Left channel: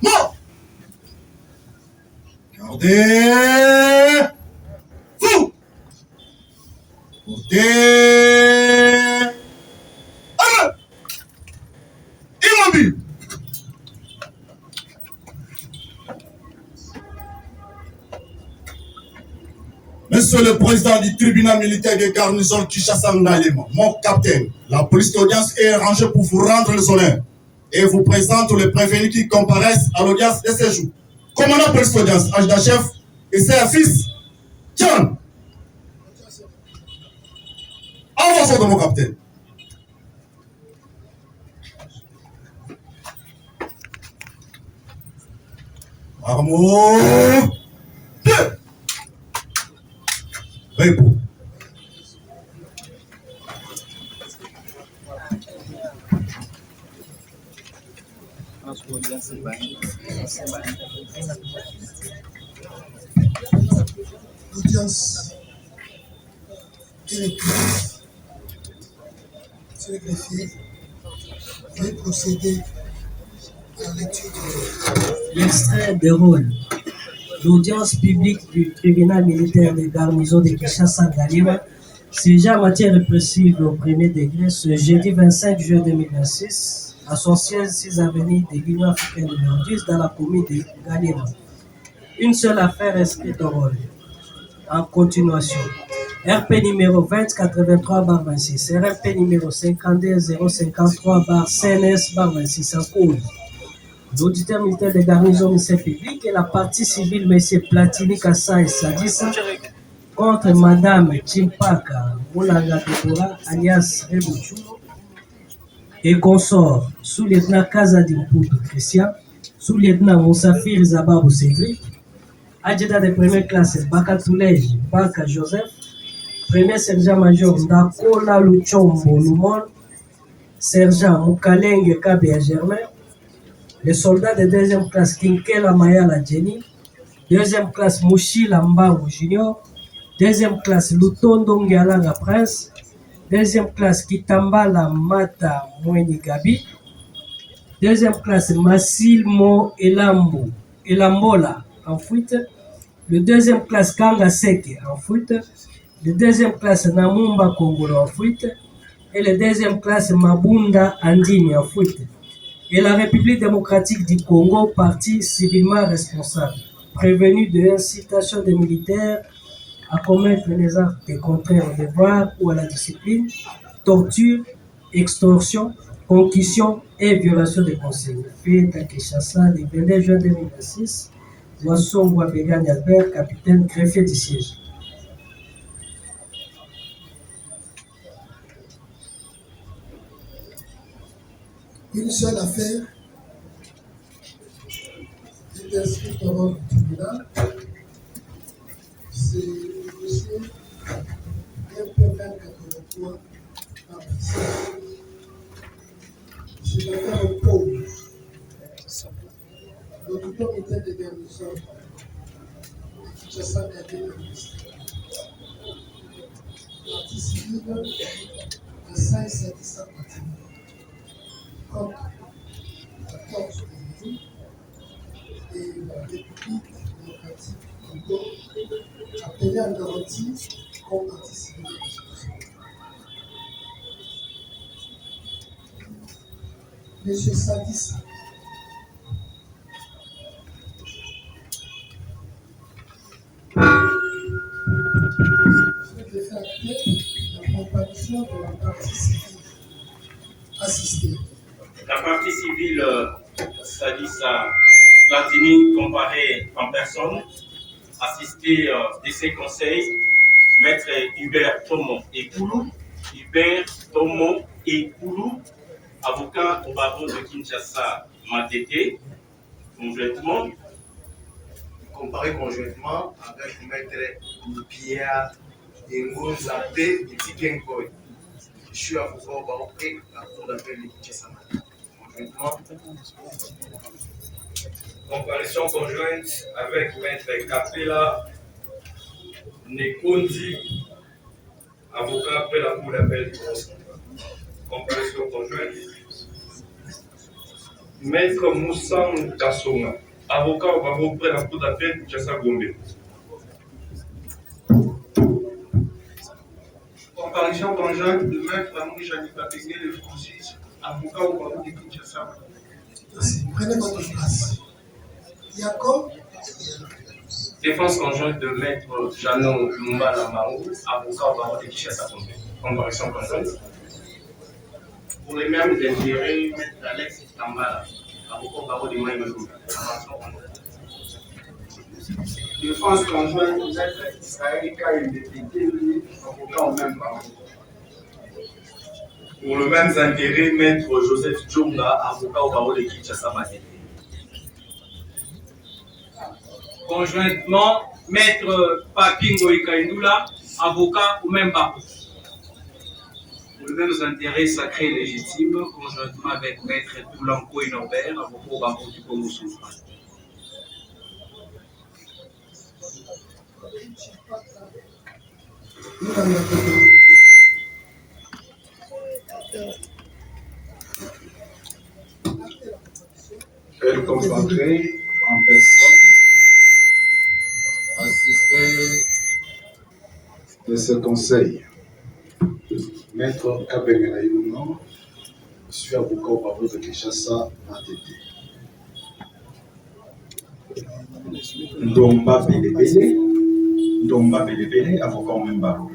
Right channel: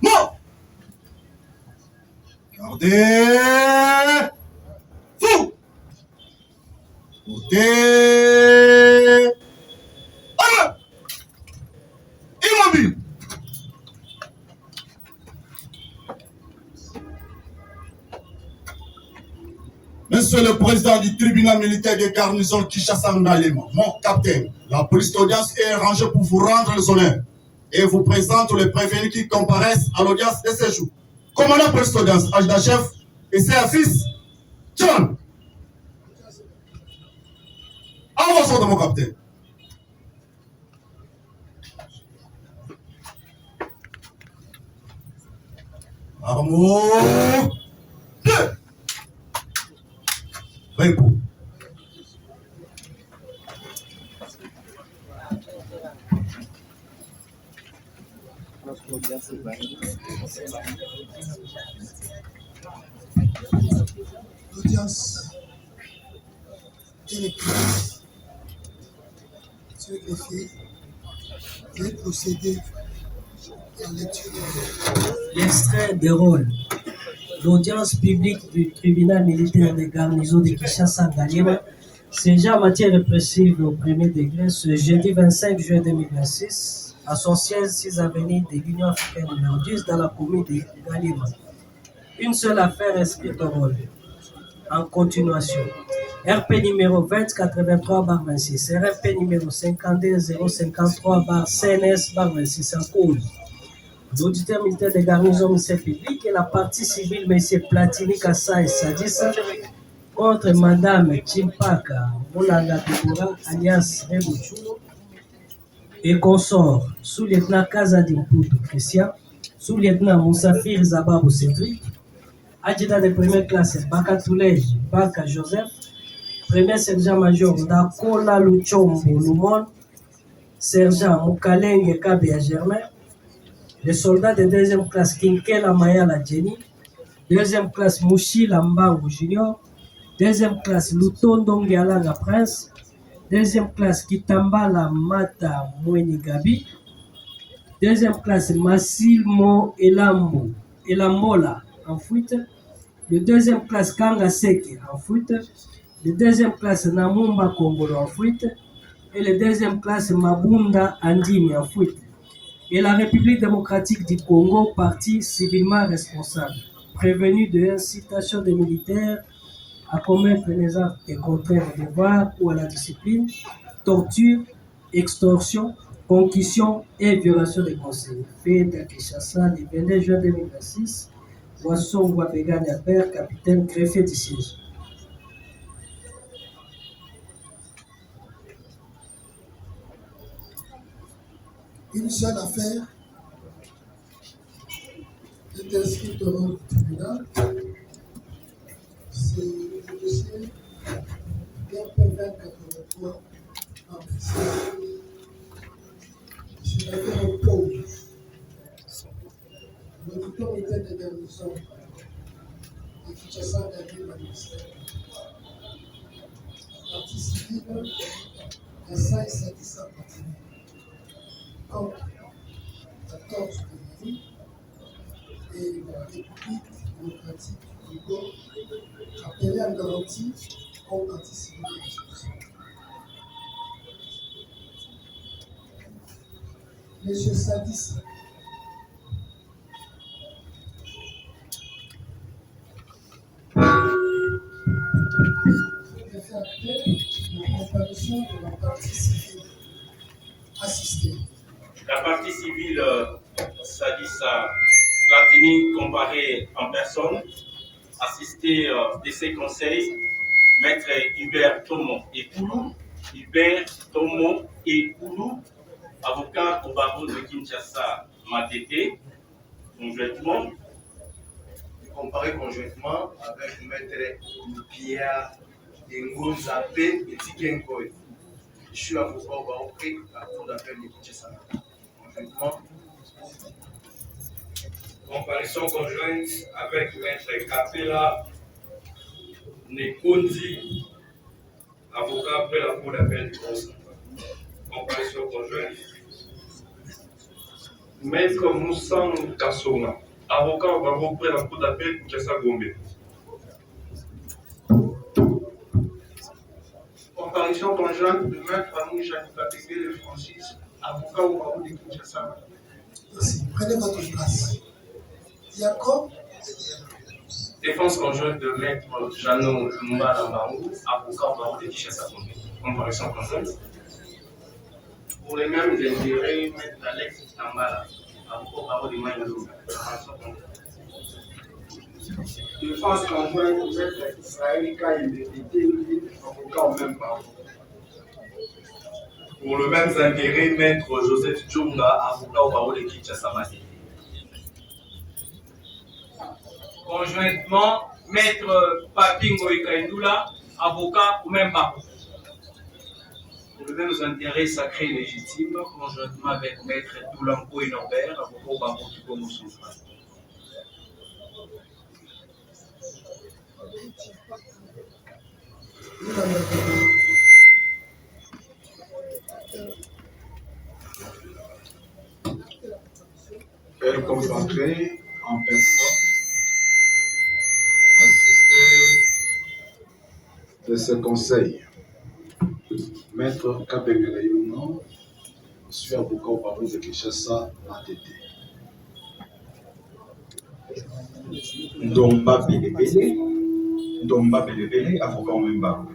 Mort. Gardez. Fou. Montez. Immobile. Monsieur le Président du tribunal militaire de garnison Kinshasa Ngalema, mon capitaine, la police d'audience est rangée pour vous rendre les honneurs et vous présente les prévenus qui comparaissent à l'audience de ce jour. Commandant police d'audience, adjudant-chef et CFIS, John. Avance de mon capitaine. Armo. 2. Repos. L'audience est reprise. Monsieur le greffier, veuillez procéder à la lecture de l'extrait de rôle. L'audience publique du tribunal militaire de garnison de Kinshasa Ngalema, siégeant en matière répressive au premier degré ce jeudi 25 juin 2026 à son siège 6 avenue de l'Union africaine numéro 10 dans la commune de Ngalema. Une seule affaire inscrite au rôle. En continuation, RP numéro 2083-26, RP numéro 52053-CNS-26 en cause. L'auditeur militaire de garnison ministère public et la partie civile M. Platini Kassai Sadissa contre Madame Chimpaka Moulaga Debora alias Rebouchulo et consort sous-lieutenant Kazadi Mputu Christian, sous-lieutenant Moussafir Zababou Cédric, adjudant de première classe Baka Toulej Baka Joseph, premier sergent-major Ndakola Luchombo Lumon, sergent Moukalenge Kabea Germain, les soldats de deuxième classe Kinkela Mayala Jenny, deuxième classe Mouchila Mbangu Junior, deuxième classe Lutondo Ngialanga Prince, Deuxième classe, Kitambala Mata Mweni Gabi. Deuxième classe, Massilmo Elambola en fuite. Le deuxième classe, Kanga Seke en fuite. Le deuxième classe, Namumba Kongolo en fuite. Et le deuxième classe, Mabunda Andini en fuite. Et la République démocratique du Congo, parti civilement responsable, prévenu de l'incitation des militaires à commettre les actes contraires au devoir ou à la discipline, torture, extorsion, concussion et violation des consignes. Fait à Kinshasa le 22 juin 2026, Boisson Wabegani Albert, capitaine greffier du siège. Une seule affaire est inscrite au rôle du tribunal. C'est le dossier MP2083 Cette affaire oppose le tuteur militaire de garnison de Kinshasa gardé le ministère. Partie civile à 5 contre 14 pays et la République démocratique du Congo appelée à garantie comme partie civile. Monsieur Sadis, je vais faire la comparaison de la partie civile assistée. La partie civile, Sadissa Platini, comparée en personne, assistée de ses conseils, Maître Hubert Tomo et Koulou, Hubert Tomo et Koulou, avocat au barreau de Kinshasa, Matete, conjointement. Comparé conjointement avec Maître Pierre Engonza P. Etikenkoy. Je suis avocat au barreau et la cour d'appel de Kinshasa, conjointement. Comparaison conjointe avec Maître Kapela Nekondi, avocat après la cour d'appel de Kinshasa. Comparaison conjointe. Maître Moussa Kassoma, avocat au barreau près la cour d'appel de Kinshasa Gombe. Comparaison conjointe de Maître Amoui Janika Pengele et Francis, avocat au barreau de Kinshasa. Prenez votre place. Jacob. Défense conjointe de Maître Janon Lumba Lamarou, avocat au barreau de Kinshasa Gombe. Comparaison conjointe. Pour les mêmes intérêts, Maître Alex Tambala, avocat au barreau de Maïmadou. Défense conjointe de Maître Israël Kaïm, avocat au même barreau. Pour les mêmes intérêts, Maître Joseph Djonga, avocat au barreau de Kinshasa Matete. Conjointement, Maître Papingo Ekaindula, avocat au même barreau. Pour les mêmes intérêts sacrés et légitimes, conjointement avec Maître Doulanko Inambert, avocat au barreau du Congo Central. Elle concentrée en personne, assistée de ce conseil. Maître Kabengela Yuno, je suis avocat au barreau de Kinshasa, Matete. Ndomba Belebele, avocat au même barreau.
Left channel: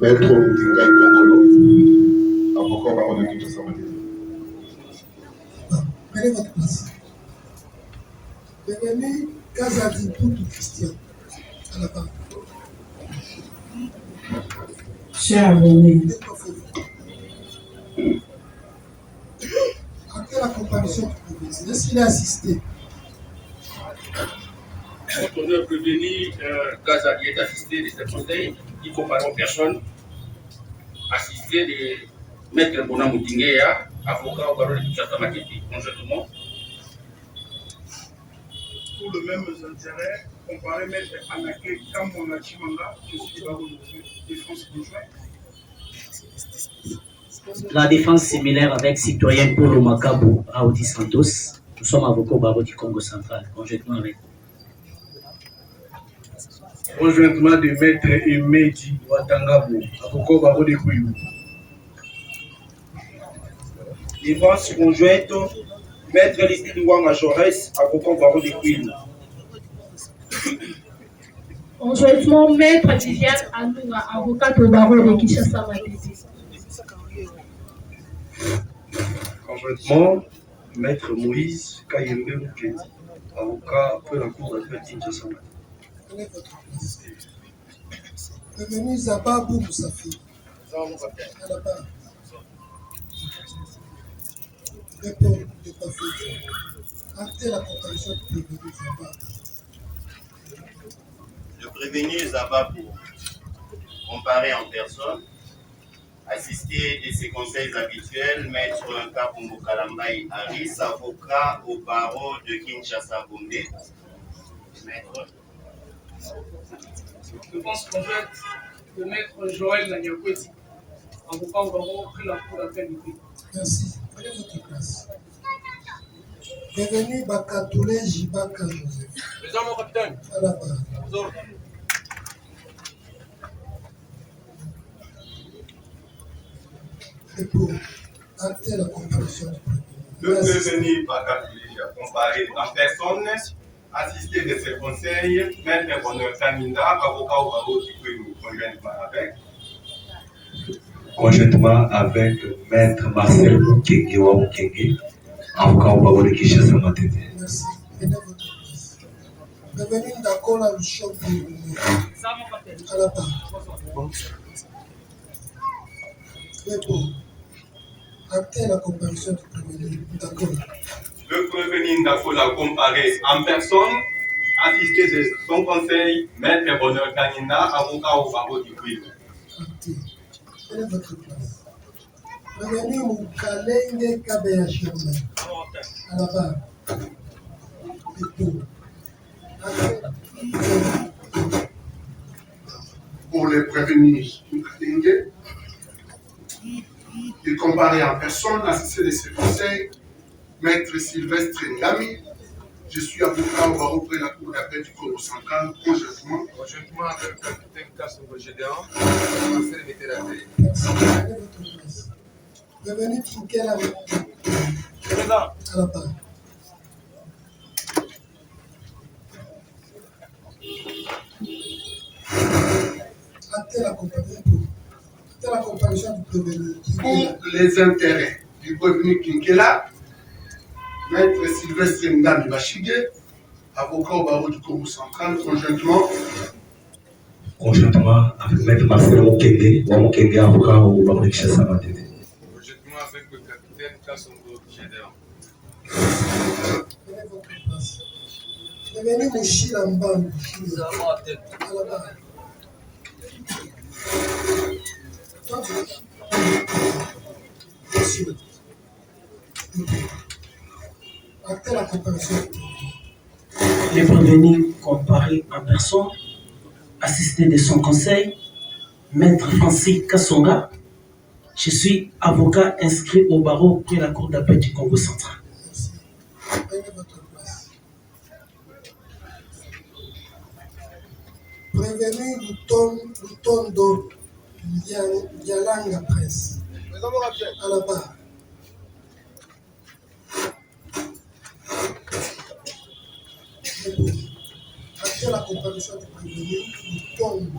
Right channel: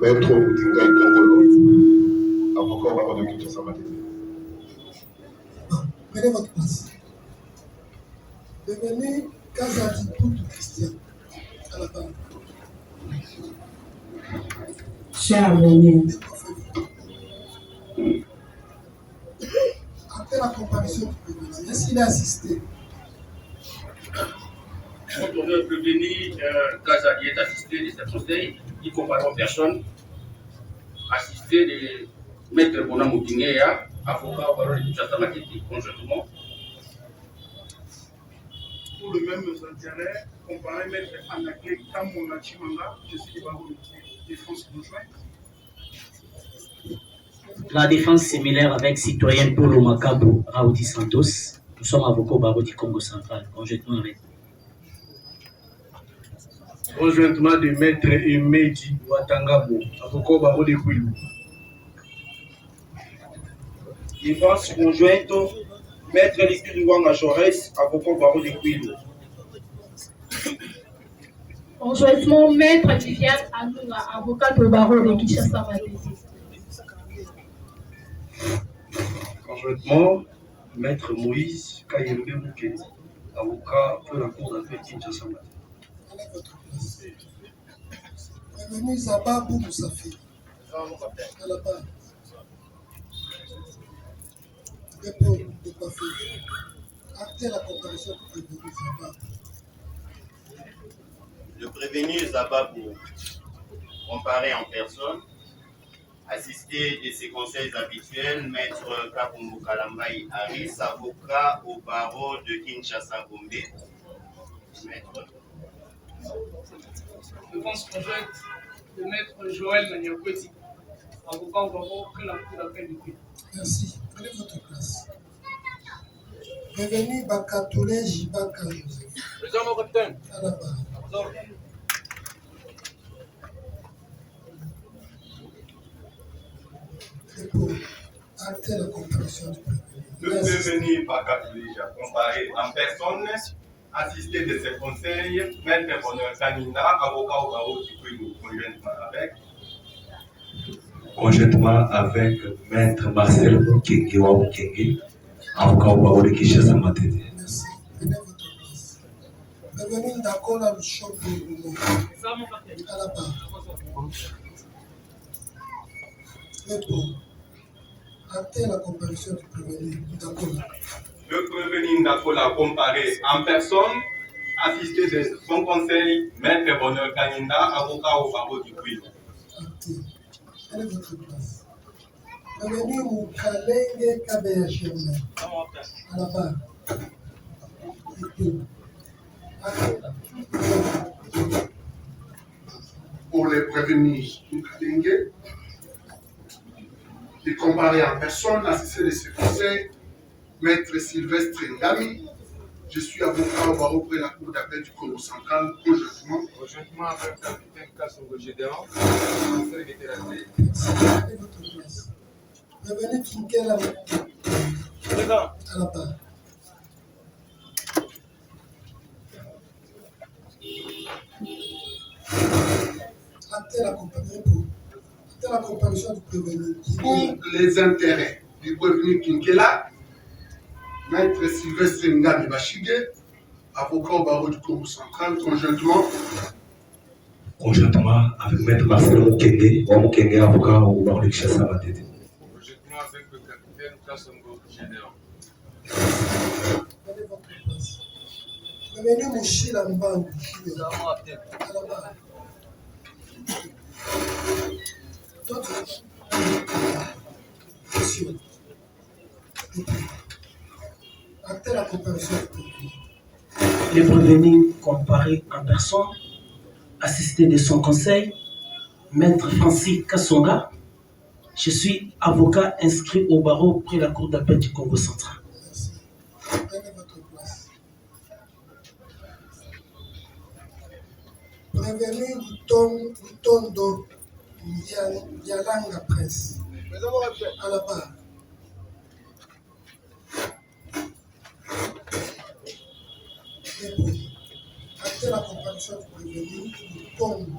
Maître Moutinga Kongolo, avocat au barreau de Kinshasa Matete. Prenez votre place. Devenez Kazadi pour tout Christian à la fin. Cher abonné, Après la comparaison du prévenu, est-ce qu'il a assisté? Quand on est prévenu, Gazadi est assisté de cette conseil, il compare en personne, assisté de Maître Bona Moutingueya, avocat au barreau de Kinshasa Matete, conjointement. pour le même intérêt, comparé maître Anaclé Kamona Chimanga, je suis barreau de défense conjointe. La défense similaire avec citoyen Paulo Macabo Raoudi Santos. Nous sommes avocats au barreau du Congo central, conjointement avec. Conjointement de maître Emedi Watangabo, avocat au barreau de Kouilou. Défense conjointe, maître Likilouanga Jaurès, avocat au barreau de Kouilou. Conjointement, maître Viviane Anunga, avocate au barreau de Kinshasa Matete. Conjointement, maître Moïse Kayembe Mukedi, avocat pour la cour d'appel Kinshasa Matete. Bienvenue Zababou Moussafi. À la barre. Dépôt de coiffure. Actez la comparaison du prévenu Zababou. Le prévenu Zababou, comparé en personne, assisté de ses conseils habituels, maître Kabungu Kalambai Aris, avocat au barreau de Kinshasa Gombe. Maître. Défense conjointe de maître Joël Nanyakweti, avocat au barreau pris la cour d'appel du pays. Merci. Prenez votre place. Bienvenue Bakatoulé Jibaka Joseph. Présent mon capitaine. À la barre. Et pour acter la comparaison du prévenu. Le prévenu Bakatoulé comparé en personne, assisté de ses conseils, maître Bonheur Taminda, avocat au barreau du Kouilou, Conjointement avec maître Marcel Mukenge wa Mukenge, avocat au barreau de Kinshasa Matete. Merci. Prenez votre place. Bienvenue Ndakola Lushombo Lumo. À la barre. Et pour acter la comparaison du prévenu Ndakola. Le prévenu Ndakola comparé en personne, assisté de son conseil, maître Bonheur Taminda, avocat au barreau du Kouilou. Prenez votre place. Bienvenue Moukalenge Kabeya Chirona. À la barre. Et pour pour les prévenus Moukalenge, et comparé en personne, assisté de ses conseils, maître Sylvestre Ngami, je suis avocat au barreau près la cour d'appel du Congo central, conjointement. Conjointement avec le capitaine Kassongo Gédéon, conseil vétérinaire. Merci. Prenez votre place. Bienvenue Kinkela Présent. à la barre. Actez la comparaison du prévenu. Pour les intérêts du prévenu Kinkela, maître Sylvestre Ngami Bachigé, avocat au barreau du Congo central, Conjointement avec maître Marcel Mukenge wa Mukenge, avocat au barreau de Kinshasa Matete. Conjointement avec le capitaine Kassongo Gédéon. Prenez votre place. Bienvenue Mouchila Mbangu. À la barre. Monsieur. Actez la comparaison du prévenu. Les prévenus comparés en personne, assisté de son conseil, maître Francis Kassonga. Je suis avocat inscrit au barreau près la cour d'appel du Congo central. Merci. Prenez votre place. Prévenu Lutondo Yalanga Presse. À la barre. Et pour acter la comparaison du prévenu Lutondo.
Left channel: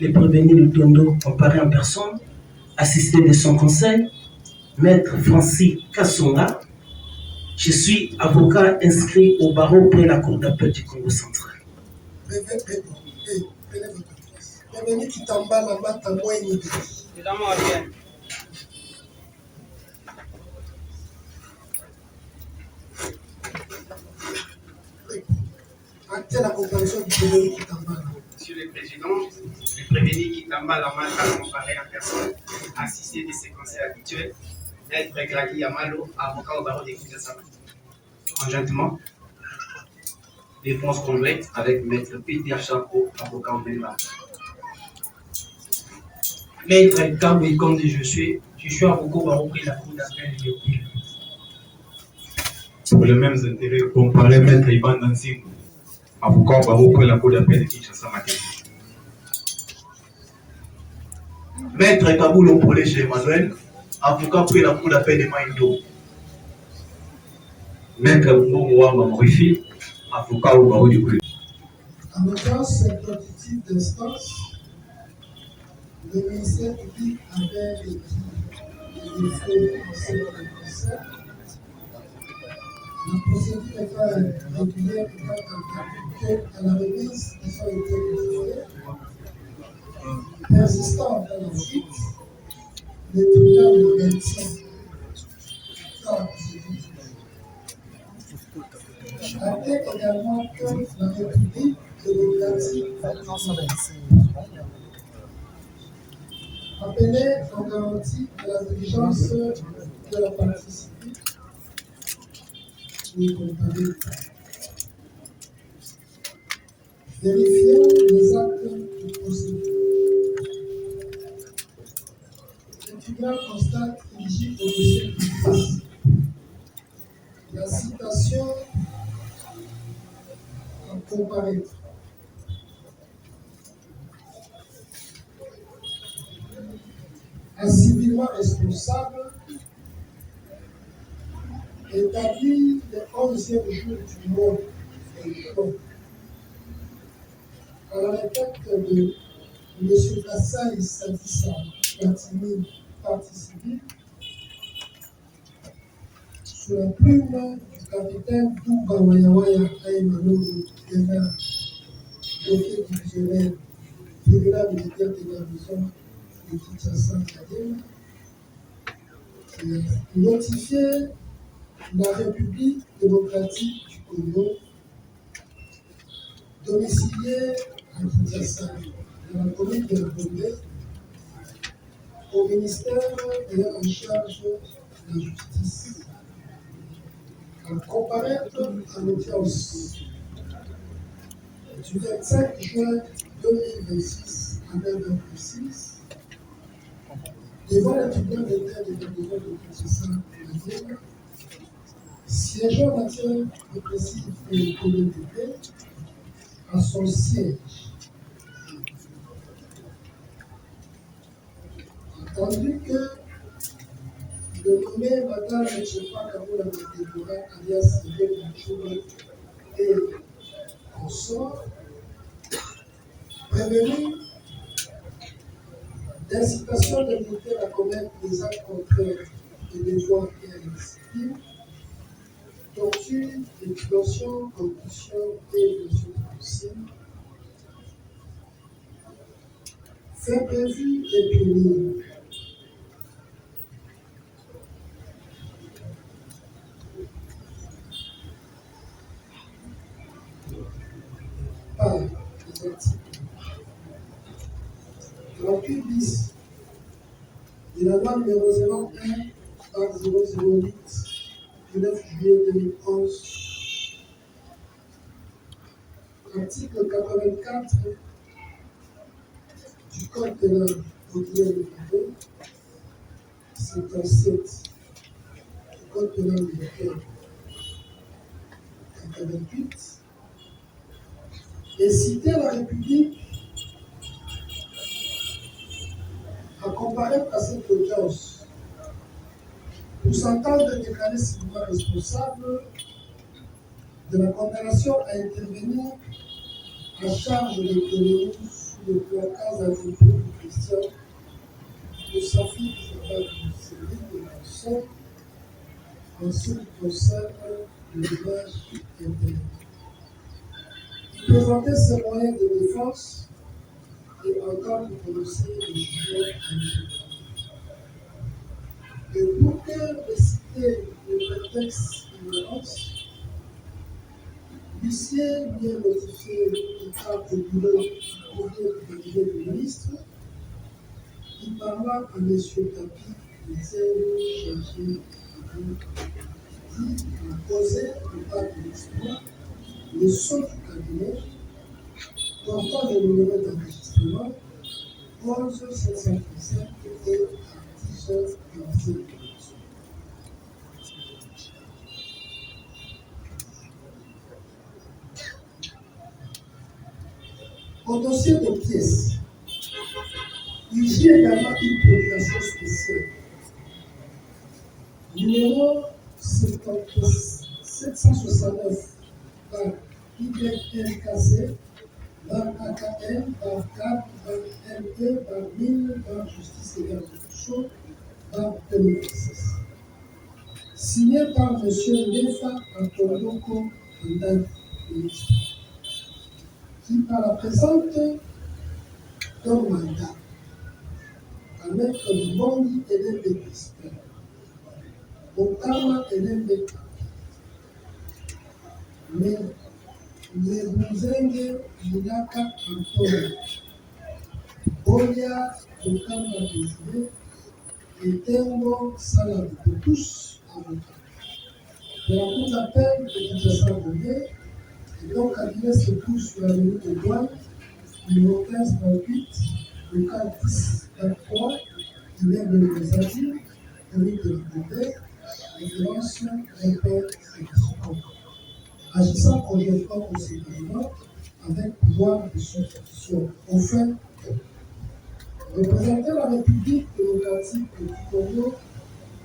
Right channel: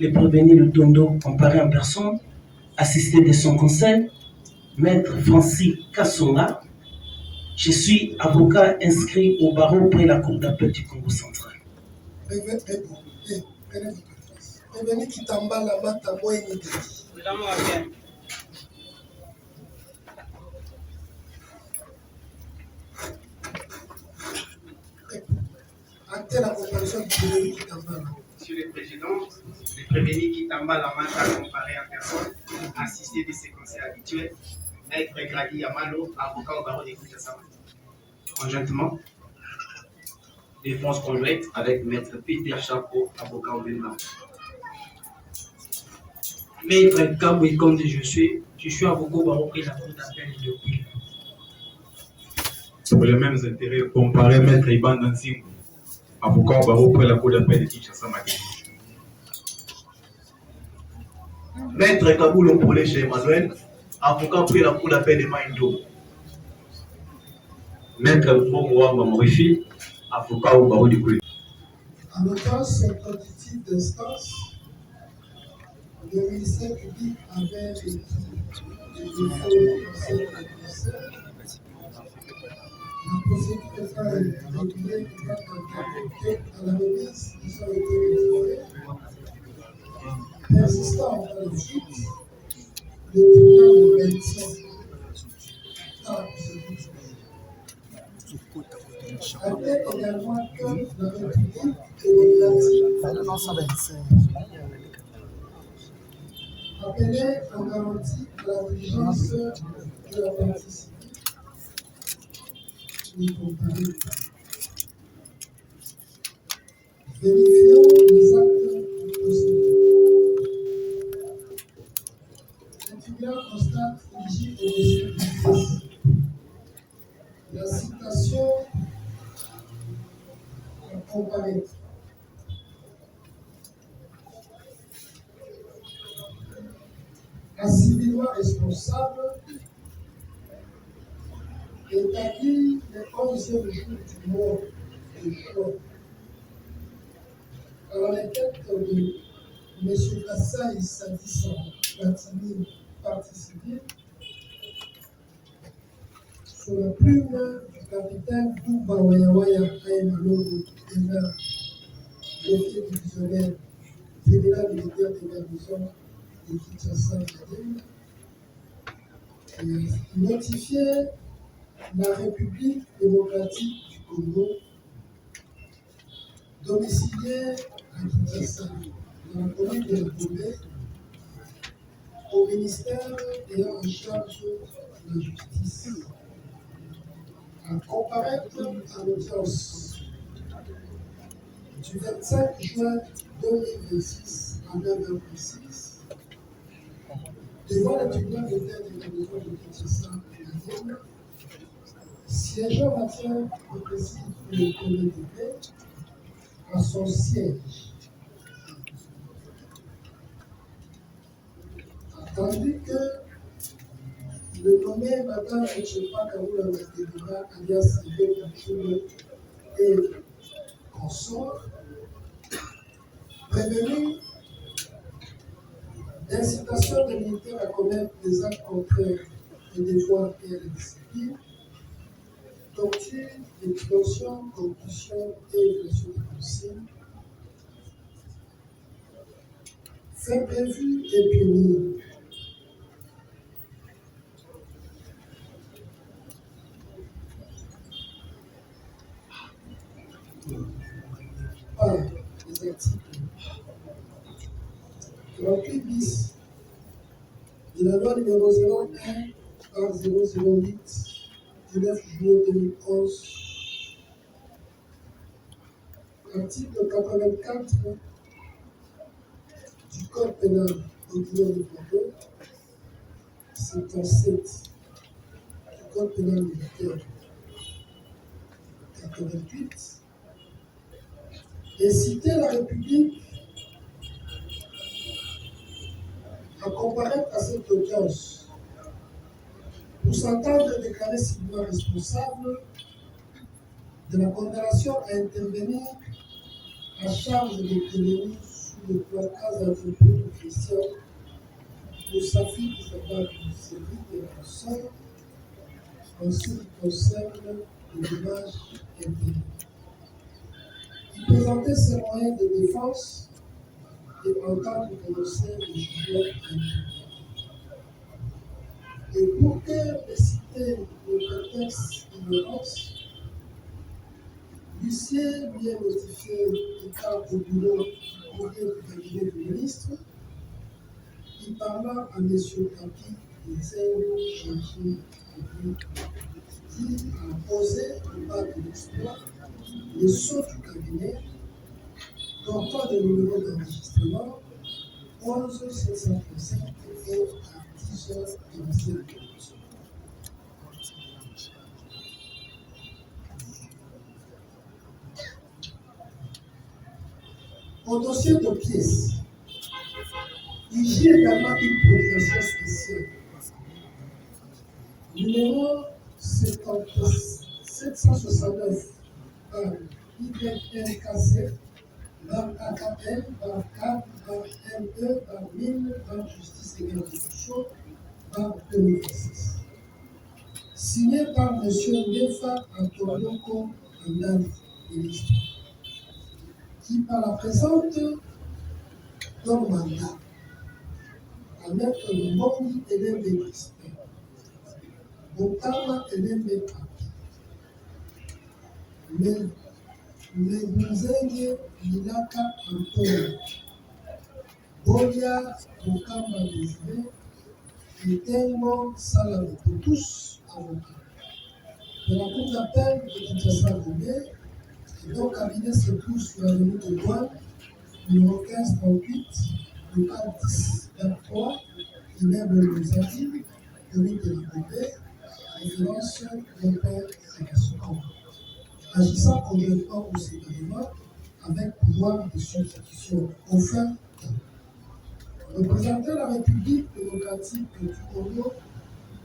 Les prévenus Lutondo comparés en personne, assisté de son conseil, maître Francis Kassonga. Je suis avocat inscrit au barreau près la cour d'appel du Congo central. Prenez votre place. Bienvenue Kitamba Lambata Moueni. Actez la comparaison du prévenu Kitamba. Monsieur le Président, le prévenu Kitamba Lamata comparé en personne, assisté de ses conseils habituels, maître Graki Yamalo, avocat au barreau de Kinshasa. Conjointement, Défense conjointe avec Maître Peter Chapo, avocat au Bénin. Maître Kaboué Kondi, je suis avocat au barreau près de la cour d'appel de Pile. Pour les mêmes intérêts, comparé Maître Iban Dansing, avocat au barreau près de la cour d'appel de Kinshasa Matin. Maître Kaboulo Polé chez Emmanuel, avocat près de la cour d'appel de Maindo. Maître Mongwa Mamorifi, avocat au barreau du Koué. En audience d'auditif d'instance, le ministère public avait écrit les défauts au conseil de conseil. La procédure étant régulière et à la remise qui ont été délivrés, persistant dans la suite, le tribunal le maintient dans la procédure. Rappelez également que la République démocratique appelée en garantie à la diligence de la partie civile et comparée. Vérifions les actes du procédure. Le tribunal constate éligible au dossier public la citation à comparaître. Un civilement responsable établit le 11e jour du mois de juin à la requête de M. Kassaï Sadissa Platini, partie civile, sous la plume du capitaine Douba Wayawaya Aïmanodo Dena, jockey divisionnaire, tribunal militaire de garnison de Kinshasa Académie, notifié la République démocratique du Congo, domiciliée à Kinshasa, dans la commune de la Bombay, au ministère ayant en charge de la justice, à comparaître à l'audience du 25 juin 2026 à 9h précise, devant le tribunal d'État de garnison de Kinshasa, siégeant en matière répressive et économique à son siège. Attendu que le nommé Madame Chepa Kaboula Matebura, alias Yves Machoube et consort, prévenu d'incitation des militaires à commettre des actes contraires des devoirs et à la discipline, torture, extorsion, corruption et violation de consigne, fait prévu et puni. Par les articles 38 bis de la loi numéro 01 par 008 du 9 juillet 2011, article 84 du Code pénal ordinaire de Congo, 57 du Code pénal militaire 88, inciter la République à comparaître à cette audience pour s'entendre déclarer civilement responsable de la condamnation à intervenir à charge de l'économie sous le placage attribué de Christian de Safi Zabak de la Consort en ce qui concerne le dommage interne. Il présentait ses moyens de défense et entend prononcer le jugement individuel. Et pour que citer le prétexte d'ignorance, l'huissier lui a notifié l'état au bureau du courrier du cabinet du ministre. Il parla à M. Tapi des ailes chargées qui a posé le bas de l'exploit le sceau du cabinet portant le numéro d'enregistrement 11 737 et à 10h47. Au dossier de pièces, il y a également une procuration spéciale. Numéro 769 par YLKC, par AKL, par CAP, par LE, par MIN, par Justice et Garde des Sceaux, par 2016. Signé par M. Nefa Antonioko Andani, ministre, qui par la présente donne mandat à Maître Mbongi Hélène de Crispin, Bokama Hélène de Papi, Mebuzenge Milaka Antonio, Bolia Bokama Désiré et Tengo Salame, pour tous avocats. De la cour d'appel de Kinshasa Gomé, et donc cabinet se trouve sur la limite de douane, numéro 1538, local 1023, immeuble de Zadi, commune de la Gomé, référence Impère Fédération. Agissant conjointement au séparément avec pouvoir de substitution. Au fin, représenter la République démocratique du Congo,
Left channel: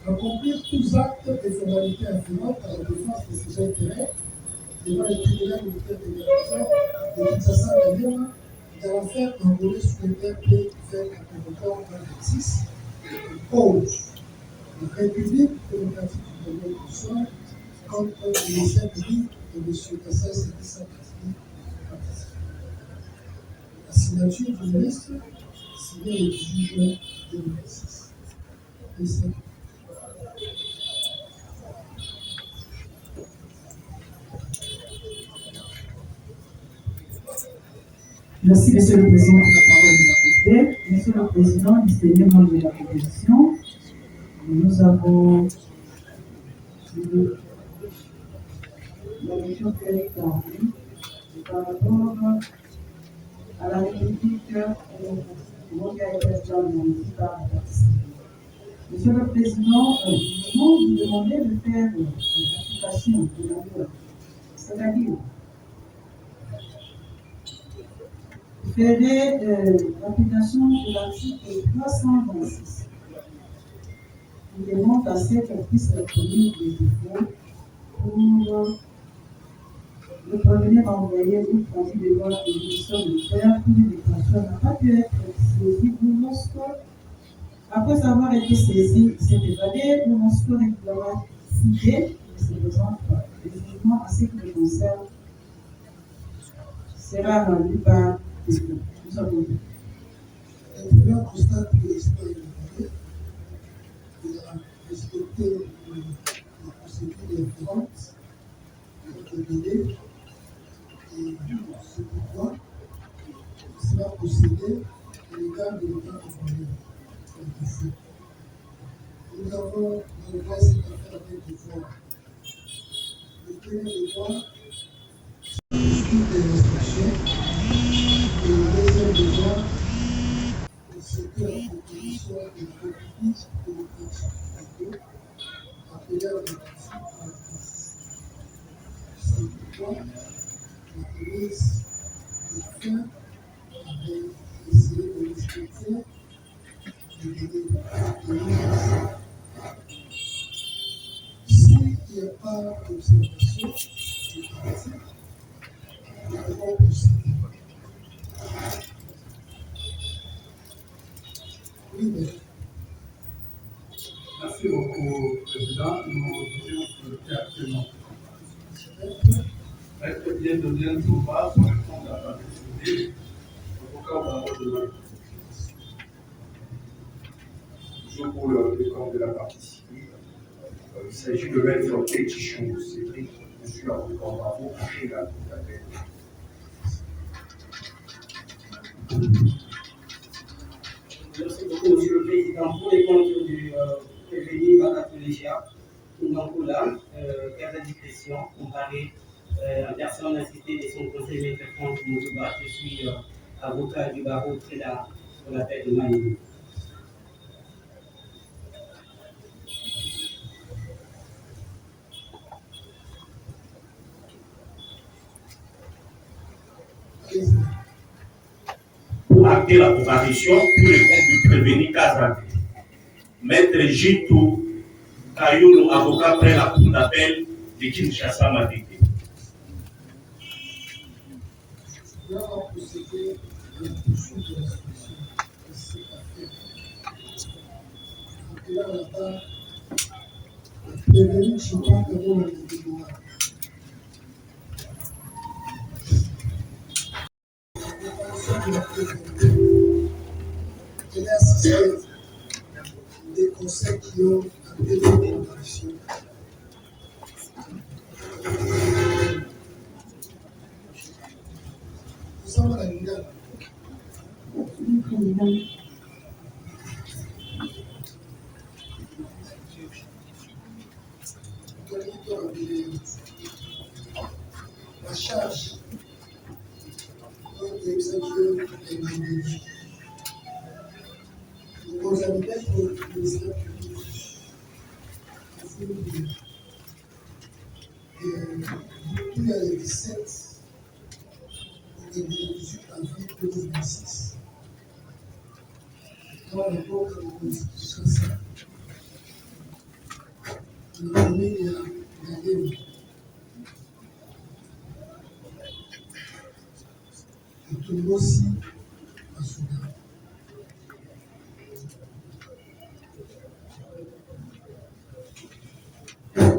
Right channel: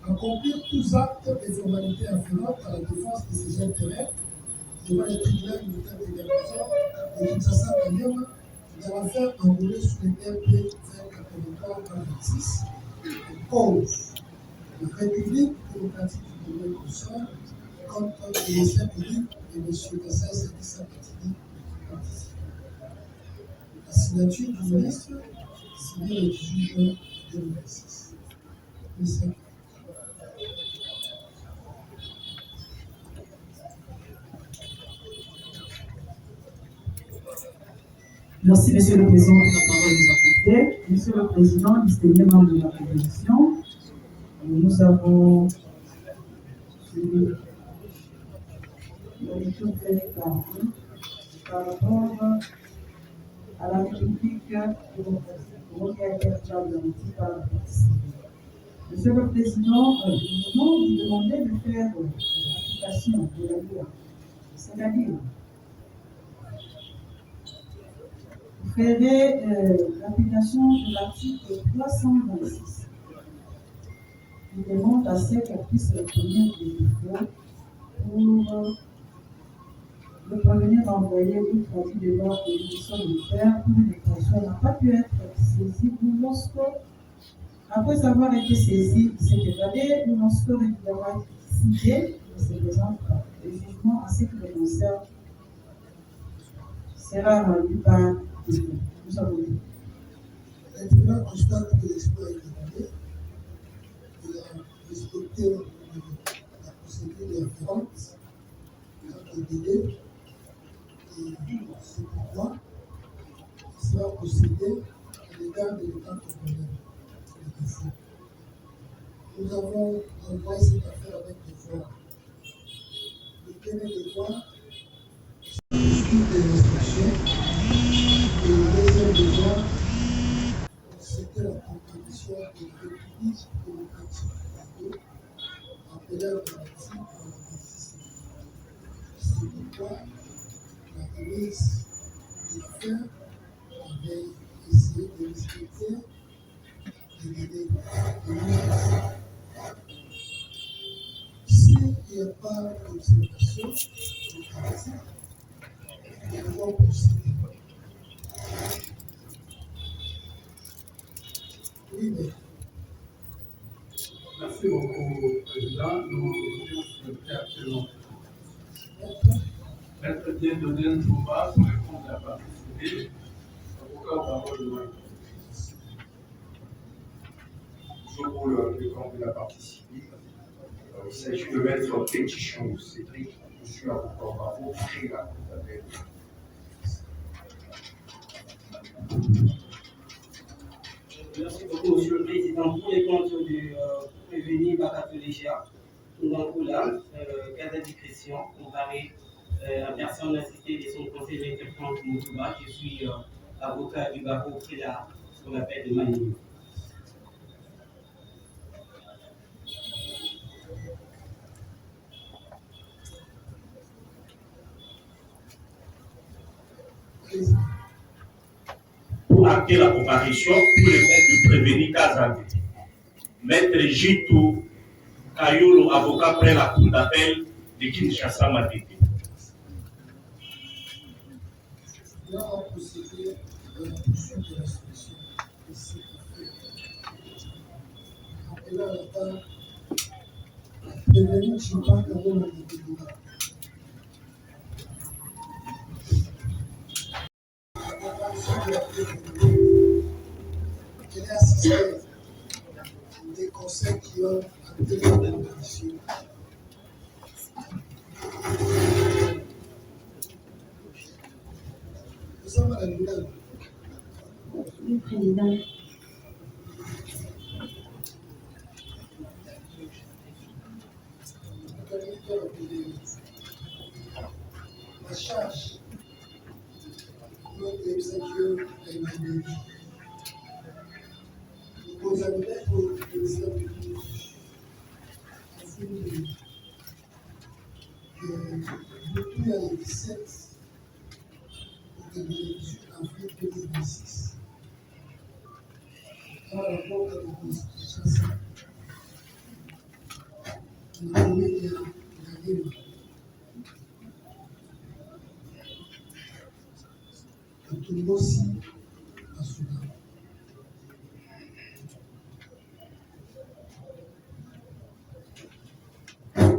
accomplir tous actes et formalités afférentes à la défense de ses intérêts devant les tribunaux militaires de garnison de Kinshasa Kanyama dans l'affaire enrôlée sous les RP 2083-26 cause la République démocratique du Congo du Sud contre le ministère public et M. Kassai Sadissa Patini. La signature du ministre signée le 18 juin 2026. Merci, Monsieur le Président, pour la parole nous apportée. Monsieur le Président, distingué membre de la proposition, nous avons suivi la lecture très claire par rapport à la République démocratique du Congo qui a été garantie par la partie. Monsieur le Président, nous vous demandez de faire l'application de la loi, c'est-à-dire ferez l'application de l'article 326 qui demande à ce qu'on puisse obtenir des défauts pour le prévenir à envoyer une traduite de loi de l'édition militaire pour une déclaration n'a pas pu être saisie ou lorsque, après avoir été saisi, il s'est évadé ou lorsque régulièrement cité, il se présente le jugement ainsi que le concerne sera rendu par nous avons dit. Le tribunal constate que l'exploit est demandé. Il a respecté la procédure de référence, le délai, et c'est pourquoi il sera procédé à l'égard de l'État congolais, le défaut. Nous avons envoyé cette affaire avec devoir. Le premier devoir, c'est de l'instruction. Et le deuxième devoir, c'était la proposition de la République démocratique du Congo, appelée à la partie à la partie. C'est pourquoi la ministre de l'affaire avait essayé de respecter les délais de l'université. S'il n'y a pas d'observation de partie, nous allons procéder. Merci beaucoup, Président. Nous souhaitons actuellement Maître bien donné un tournoi pour répondre à la partie civile, avocat au barreau de l'Oï. Toujours pour le compte de la partie civile, il s'agit de Maître Pétichon Cédric, monsieur avocat au barreau, chez la cour d'appel. Merci beaucoup, Monsieur le Président. Pour les comptes du prévenu Bakatolégia, Ngankula, cas de discrétion, comparé en personne assistée de son conseil maître Franck Mouzouba. Je suis avocat du barreau prélat pour la paix de Mali. Pour acter la comparution pour le compte du prévenu Kazan. Maître Jitou Kayolo, avocat près la cour d'appel de Kinshasa Matete. Là, on procédé à la poursuite de l'instruction de cette affaire. Et là, on attend la prévenue sur pas de rôle de débat. Elle est assistée des conseils qui ont appelé la comparution. Le président. La charge de l'exécutif est magnifique. Nous avons fait pour le ministère public depuis le 17 au 18 avril 2026. Dans le rapport de la Constitution, nous avons mis la guerre. Aussi à Soudan.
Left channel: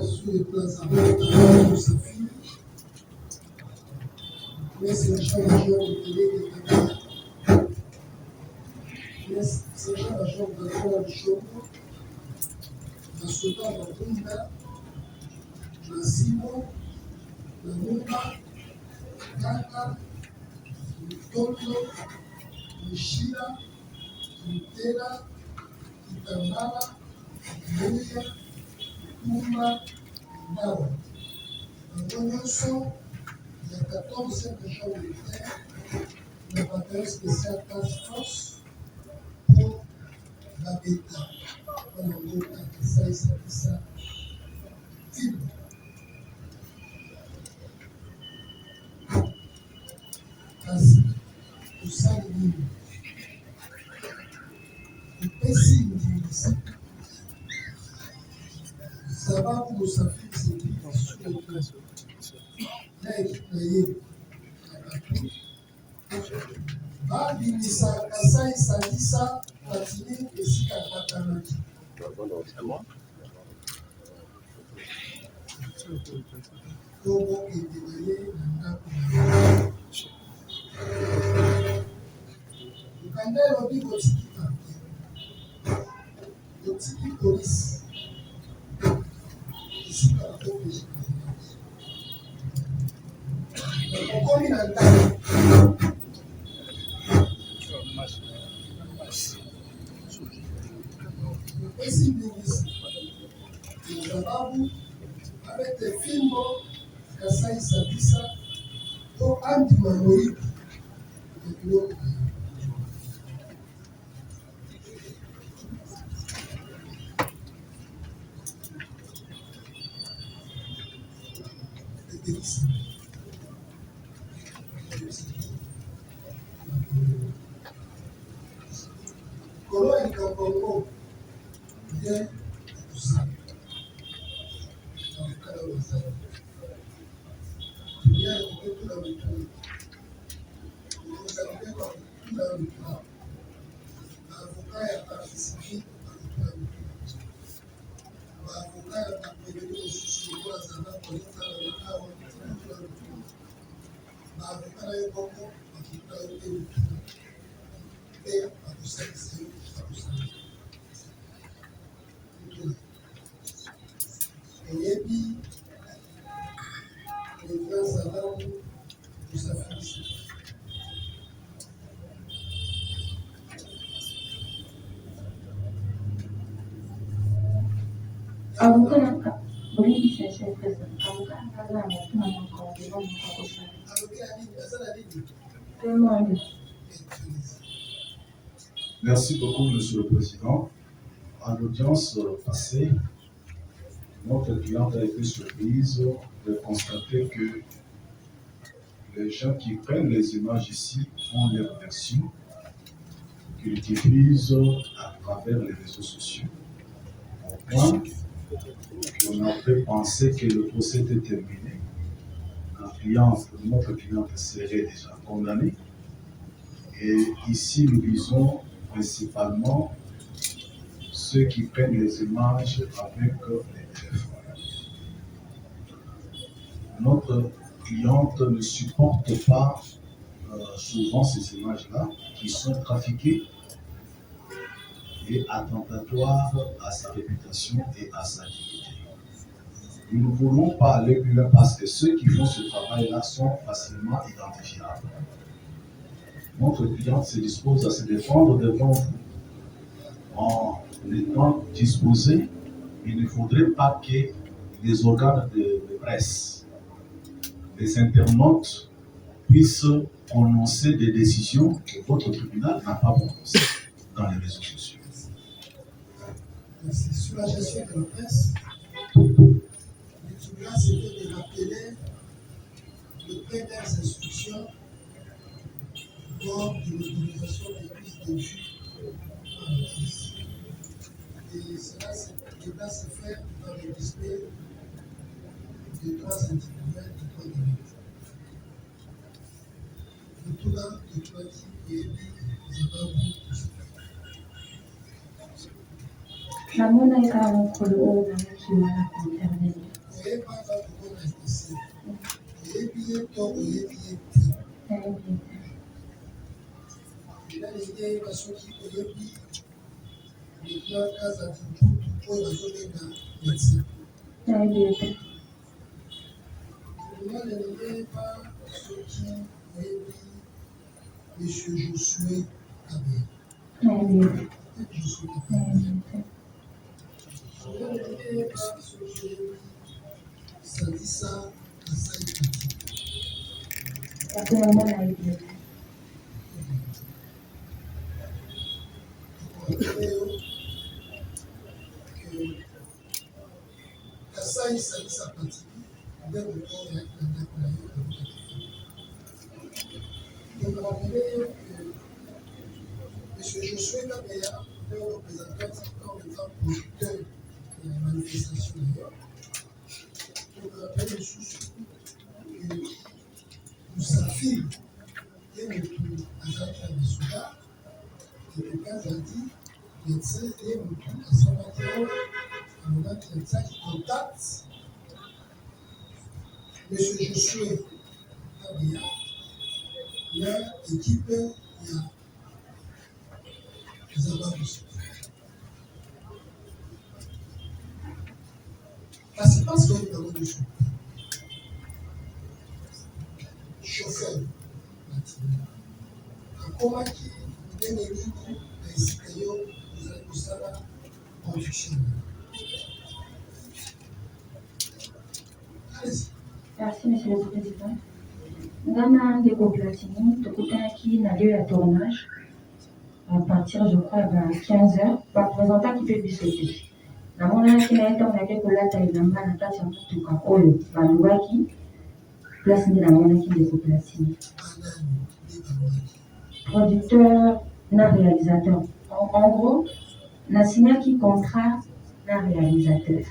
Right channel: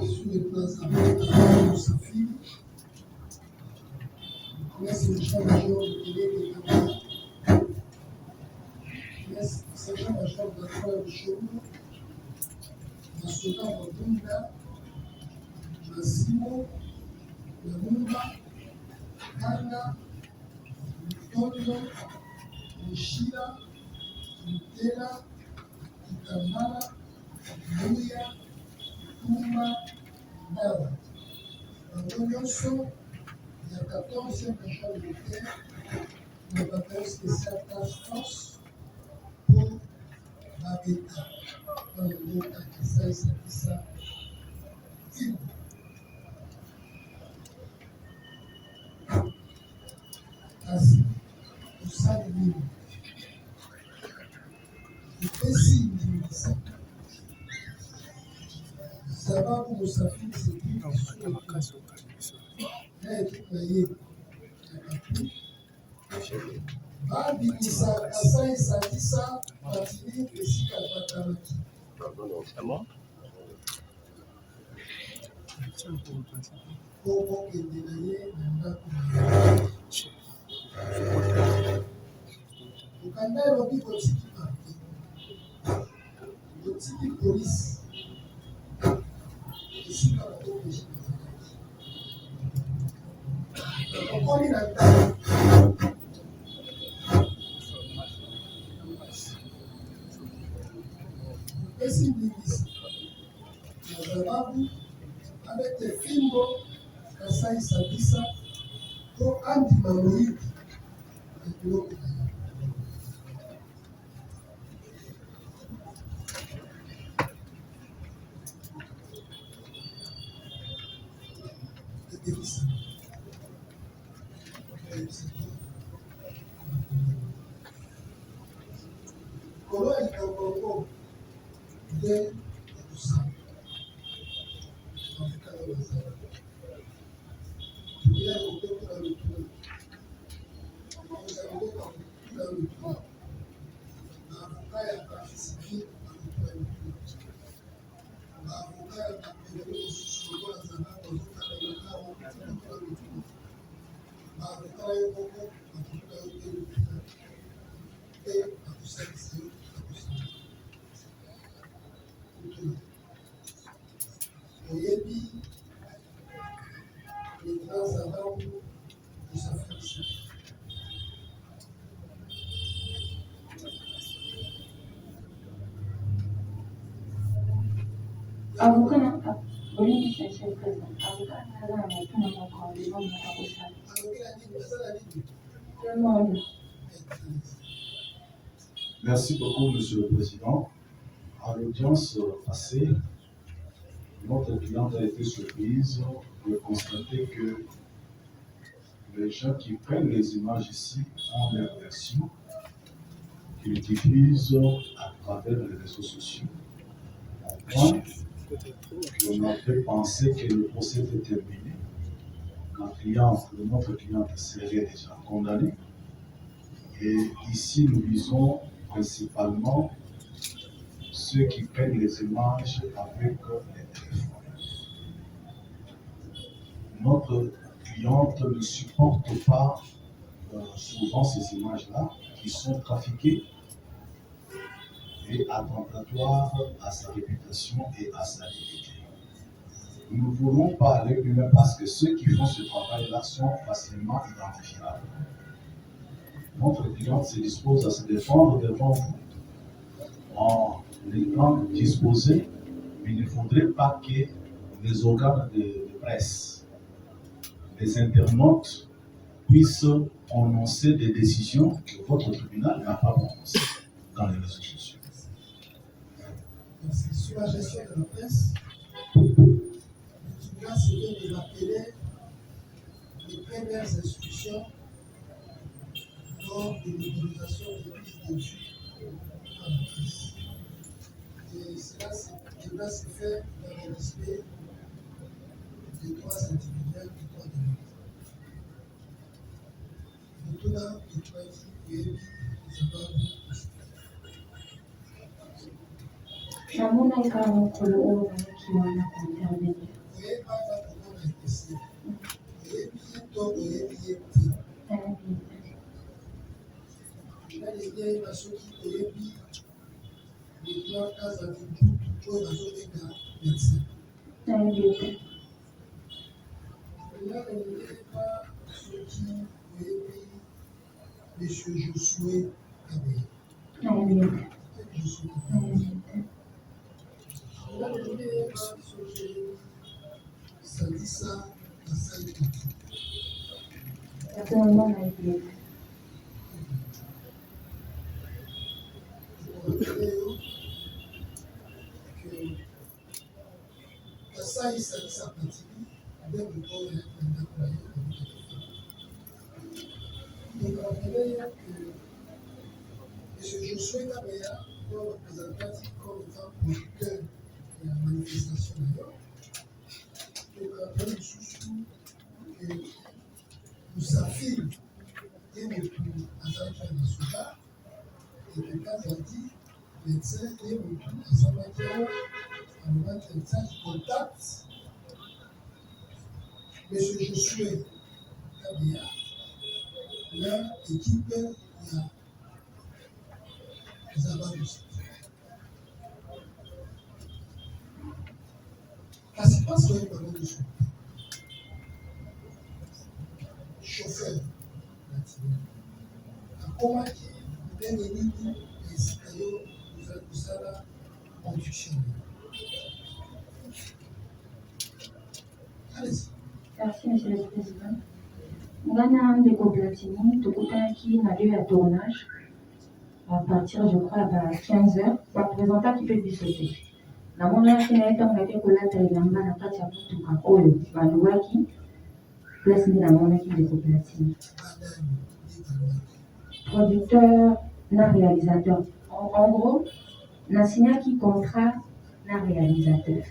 Sur les places avec sa fille, mais c'est le chef-major de télé de Dakar. Mais c'est le chef-major de Dakar de Chobo, dans Soudan, dans Bunda, dans Simo, dans Mumba, Kanga, Tondo, Mishira, Mutela, Itambala, Muya, Touma, Nao. Dans l'Union, il y a 14 régions militaires, le bataillon spécial Task Force pour la bêta. Dans le mot Kakisa et Sakisa, Tim. Kasi, kusali nini? Upesi ndizi. Sababu musafiri sisi na yeye akatu. Babi ni Kasai Sadisa Patini esika patanaki. Kobo endenaye na ndako na Ukanda elobi kotiki papier, kotiki polisi, esika bakopeshi kazalaki. Okomi na ndako, esi mbingisi, na sababu abete fimbo Kasai Sadisa to andima moyibi na biloko na yo. Kolo ya Kongo nde kusala awekala wazali ya kupetu na wituni kuzalileka kutula wituni baavoka ya participe na kutula wituni baavoka ya bapeleli mosusu lokola zala kozokala na awa kutula wituni baavoka na yo moko bakutula yo te wituni mpe bakosalisa yo bakosala oyebi lieutenant Zababu kusafirisa Avocat Oui, monsieur le président. Avocat, Kaza, avocat, mon devant mon avocat. Tout le monde. Merci beaucoup, Monsieur le Président. À l'audience passée, notre cliente a été surprise de constater que les gens qui prennent les images ici ont leur version qu'ils diffusent à travers les réseaux sociaux. Au point qu'on a fait penser que le procès était terminé. Notre cliente serait déjà condamnée. Et ici, nous visons principalement ceux qui prennent les images avec les téléphones. Notre cliente ne supporte pas souvent ces images-là qui sont trafiquées et attentatoires à sa réputation et à sa dignité. Nous ne voulons pas aller plus loin parce que ceux qui font ce travail-là sont facilement identifiables. Notre cliente se dispose à se défendre devant vous en étant disposée, mais il ne faudrait pas que les organes de presse, les internautes puissent prononcer des décisions que votre tribunal n'a pas prononcées dans les réseaux sociaux. Merci. Sur la gestion de la presse, le tribunal s'est fait de rappeler les premières instructions lors de l'autorisation des prises de vue par la presse. Et cela se fait dans le respect des droits individuels et des droits de l'homme. Le tout là, le choisi et Namona eka mokolo oyo nazaki wana kointervenir. oyeba aza kokoma espese oyebi ye to oyebi ye te Nayebi te. ena ndenge yeba soki oyebi lieutenant kazadi mputu oyo bazobenga médecin Nayebi te. ena ndenge yeba soki oyebi monsieur Josué Kabé Nayebi te. Josué Nayebi te. ena ndenge yeba soki oyebi Sadisa Asai Kati Yakuyango nayebi te. leo que Kasai Sadisa Kati nde moto oyo ayaki na ndako na ye donc rappelez que M. Josué Kabeya est représenté comme étant producteur de la manifestation d'ailleurs. Donc rappelez le sous que nous affirme et motu azalaki na basuda et que dit médecin et motu asambaki awa alobaki atiaki contact M. Josué Kabeya na équipe ya Zababusi. Kasi parce que nous avons des chauffeurs akomaki ndenge nini na esika yo ozali kosala production. Allez-y. Merci, monsieur le président. Ngana ndeko Platini, tokutanaki na lieu ya tournage à partir, je crois, à 15h. Baprésentant qui peut bisoter. Namonaki na ye ntango nake kolata elamba na kati ya motuka oyo balobaki place nde namonaki ndeko Platini. Producteur na réalisateur. En gros, nasignaki contrat na réalisateur.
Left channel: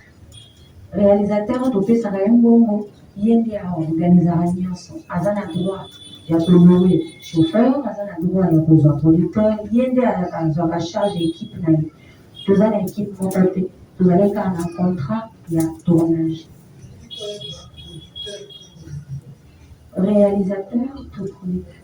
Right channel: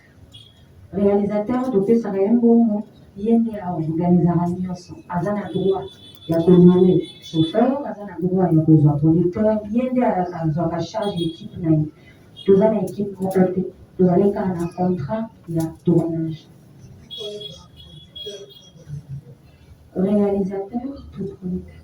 Réalisateur topesaka ye mbongo ye nde aorganizaka nyonso aza na droit ya koloue chauffeur, aza na droit ya kozwa producteur, ye nde azwaka charge équipe na ye. Toza na équipe moko te, tozali kaka na contrat ya tournage. Réalisateur to producteur.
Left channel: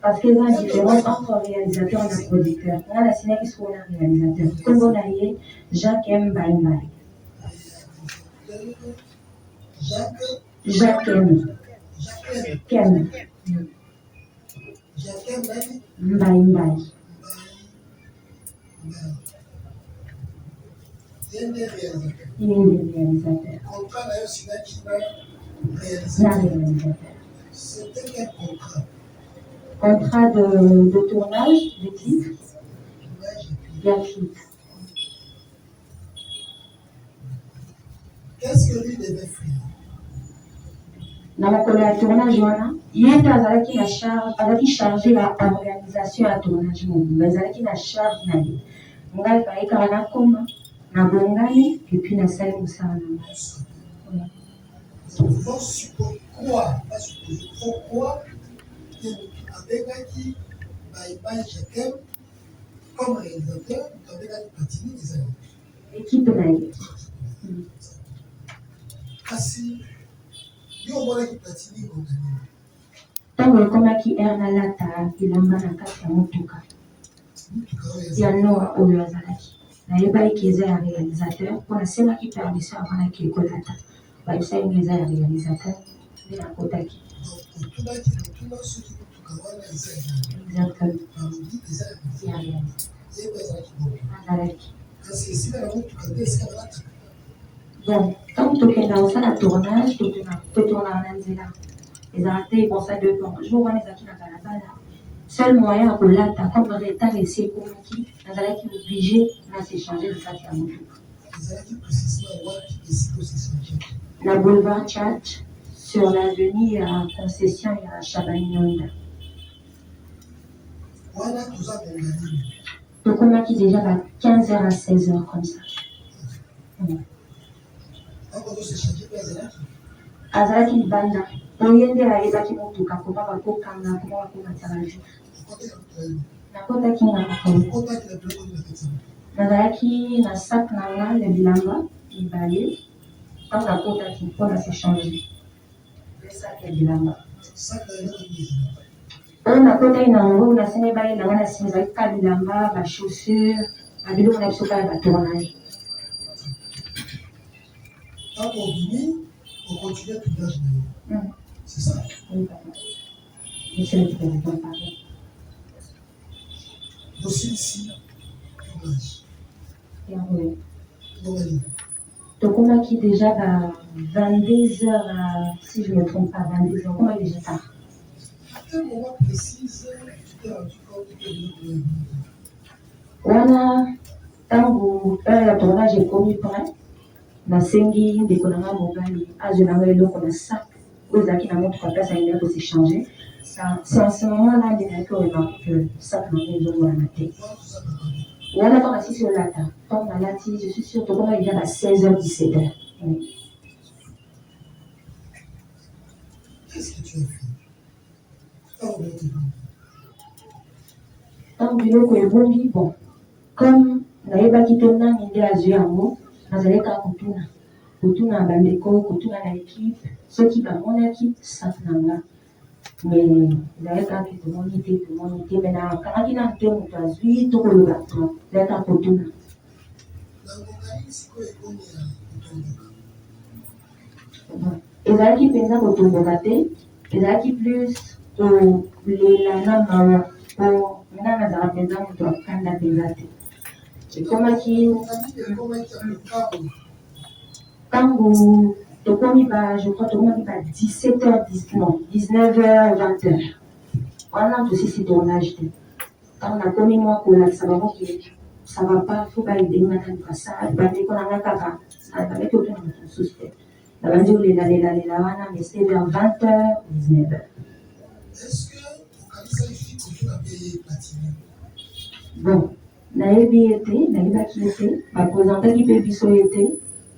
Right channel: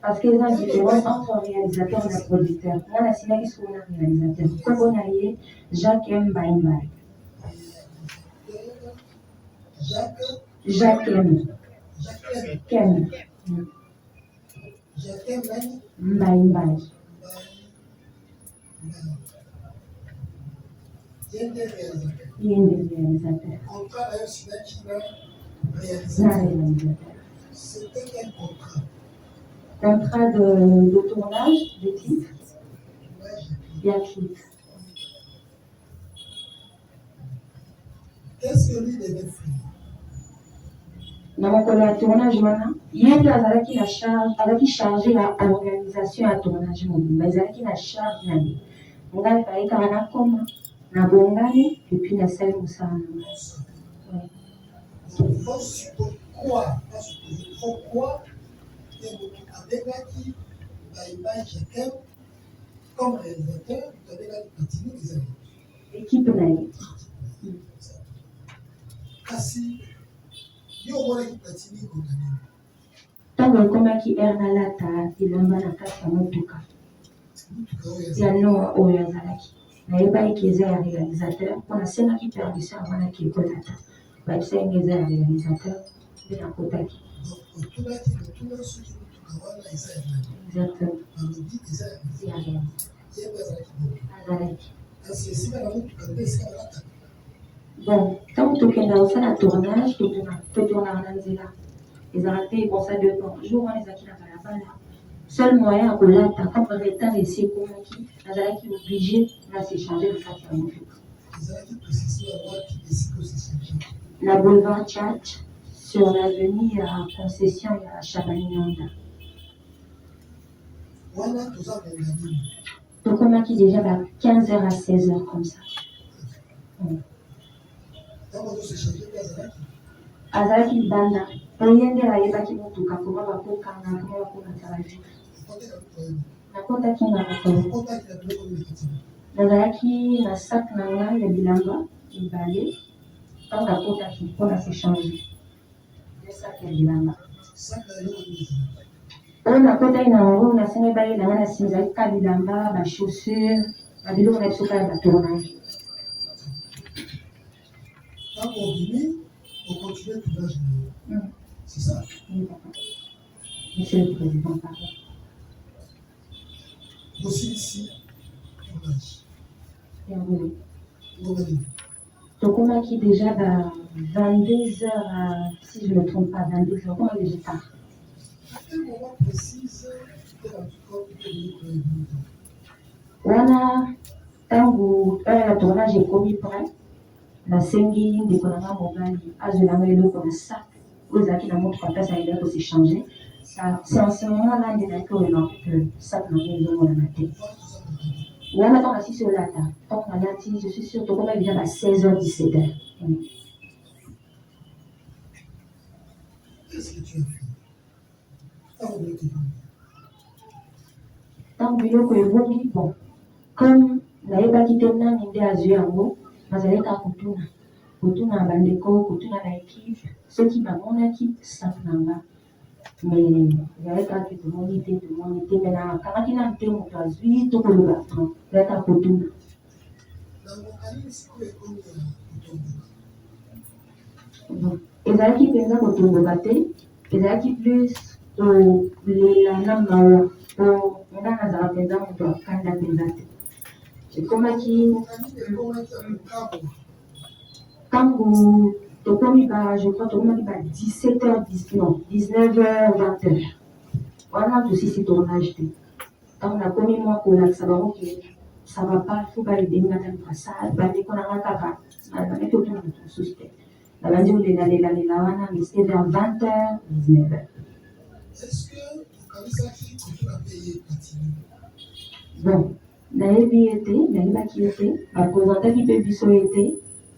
Parce qu'il y a une différence entre réalisateur et producteur. On a signé qu'il soit un réalisateur. Comme on a dit, Jacques M. Baïmbaï. Jacques M. Kem. Baïmbaï. Il y a des réalisateurs. Il y a des réalisateurs. Contrat d'ailleurs, c'est là qui n'a La réalisateur. réalisateur. C'était quel contrat? Contrat de tournage, de clip. Il y a clip. Qu'est-ce que lui devait faire? Na mokolo ya tournage wana ye mpe azalaki chargé ya organisation ya tournage mobimba ezalaki na charge na ye ngai bayekaka nakoma nabongani epuis nasali mosala na ngai. Pourquoi abengaki baimage jakem comme réalisateur abengaki Platini ezali équipe na ye kasi yo omonaki Platini organime ntango ekomaki ere nalata elamba na kati ya motuka ya nor oyo azalaki nayebaki eza ya réalisateur mpo nasemaki permission avanaki ekolata bayebisa nga eza ya réalisateur nde nakotaki exactement ya azalaki bon ntango tokenda kosala tournage totournaka na nzela ezalaka te bon ça dépend jour wana ezalaki na balabala seul moyen ya kolata comme retard esi ekomaki nazalaki obligé na s'échanger na kati ya motuka na boulevard Church sur l'avenue ya concession ya Chabaninonda tokomaki déjà à 15h à 16h comme ça azalaki libanda oye nde ayebaki motuka koma bakokanga koma bakomatya bavi nakotaki na makolo nazalaki na sak na nga ya bilamba mibale ntango nakotaki mpo na s'échange sak ya bilamba oyo nakotaki na yango nasemi bayelanga na nsima ezalaki ka bilamba bachaussure babiloko na biso kaka batournage on continue le tournage. C'est ça. Oui, papa. Monsieur le président, pardon. Aussi ici, tournage. Oui. Tokomaki déjà 22h, si je ne me trompe pas, 22h, comment déjà tard. À quel moment précis tu t'es rendu compte que tu wana ntango la tournage ekomi prêt nasengi ndeko na nga mobali azwelanga eloko na sac oyo ezalaki na motuka place ayinga kosechange c'est en ce moment là nde nayaki oremarke que sac na nga ezomonana te wana ntango asisi olata ntango nalati je suis sûr tokoma déjà ba 16h 17h. Qu'est-ce que tu as fait? Ntango biloko ebongi bon comme nayebaki te nani nde azwi yango nazali kaka kotuna bandeko kotuna na ekipe soki bamonaki sak na nga mais nazali kaka tomoni te me nakangaki na te moto azwi to koloba to nazali kaka kotuna ezalaki mpenza kotomboka te ezalaki plus kolela na mawa po nga nazala mpenza moto akanda mpenza te ekomaki ntango tokomi je crois tokomaki 17h, non 19h, 20h wana tosisi tournage te ntango nakomi mwa kolakisa bango ke ça va pas fo baedengana lukasa bandeko na nga kaka babeki otuna moto mosusu te nabandi olelalela wana mais c'était vers 20h, 19h. Est-ce que okanisaki kotuna paye Platini? Bon nayebi ete nayebaki ete baprésentaki mpe biso ete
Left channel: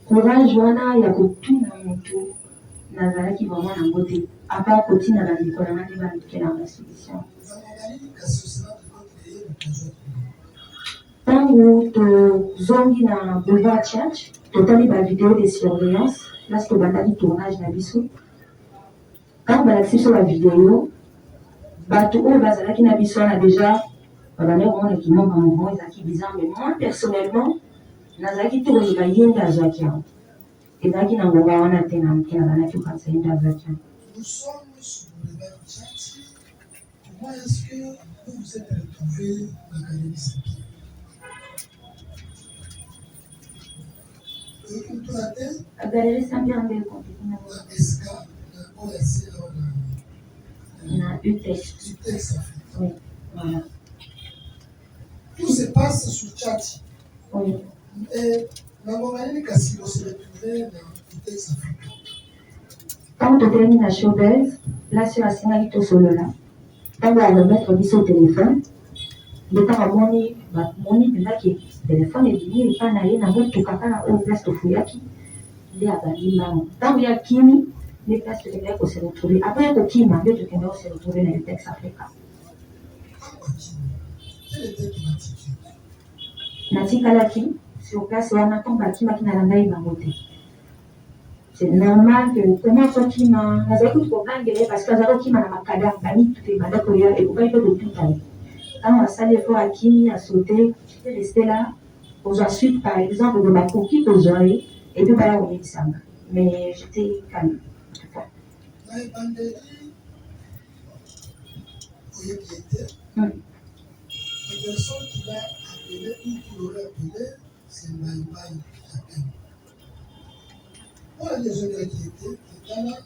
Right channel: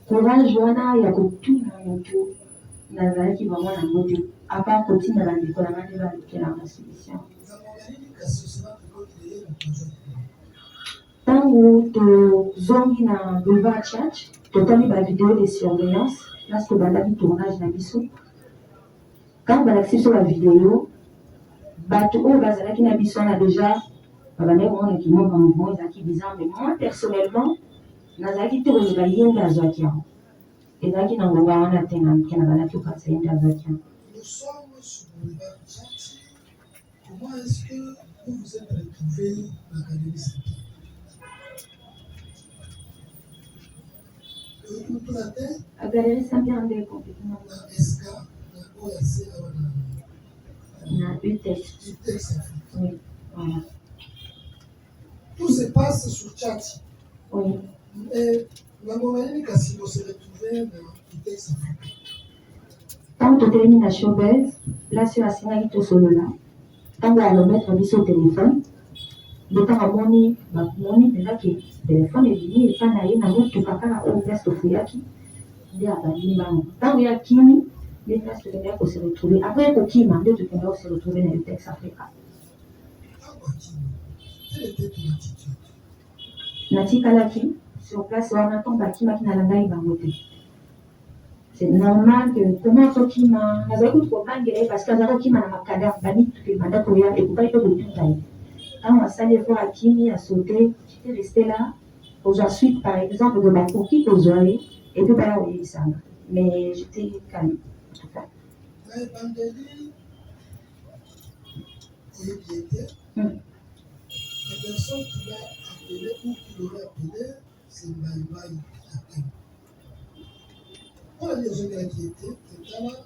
courage wana ya kotuna moto nazalaki bango nango te apart kotina bandeko na nga nde balukelanga solution ntango tozongi na boulevard Church totali bavideo de surveillance place tobandaki tournage na biso ntango balakisi biso bavideo bato oyo bazalaki na biso wana déjà babandaki komonaki mwa bamouvement ezalaki bizarre mais moi personnellement nazalaki te koyeba ye nde azwaki yango ezalaki na ngonga wana te na moke nazalaki kokanisa ye nde azwaki yango. Nous sommes sur le boulevard Tchati. Comment est-ce que vous vous êtes retrouvés à l'Académie Saint-Pierre? À Galerie Saint-Pierre-Mbeko. On a UTEX. Oui, voilà. Tout se passe sur chat. Oui. Et la Momaline Kassilo se retrouvait dans UTEX Africa. Quand on termine la showbiz, là sur la scène tout solo là, quand on va remettre au téléphone, le temps à moni là qui téléphone est venu et pas n'aller dans notre papa au place de Fuyaki, il est à Badimba. Quand il y a Kimi, les places de Québec on s'est retrouvés. Après au Kima, les de Québec on s'est retrouvés dans le texte Africa. Quelle était ton attitude? Natikalaki, sur place on a tombé Kima qui n'a pas eu bangoté. C'est normal que comment ça qui m'a nazaki problème parce que nazaki qui m'a makada bani tout est malade pour y aller et pourquoi il peut le tout aller quand on a salé fort à Kimi a sauté j'étais resté là aux ensuite par exemple de ma coquille aux oreilles et puis bah on y est mais j'étais calme en tout cas. La personne qui l'a appelé ou qui l'aurait appelé c'est Maïmaï Apen. Voilà les gens qui étaient là,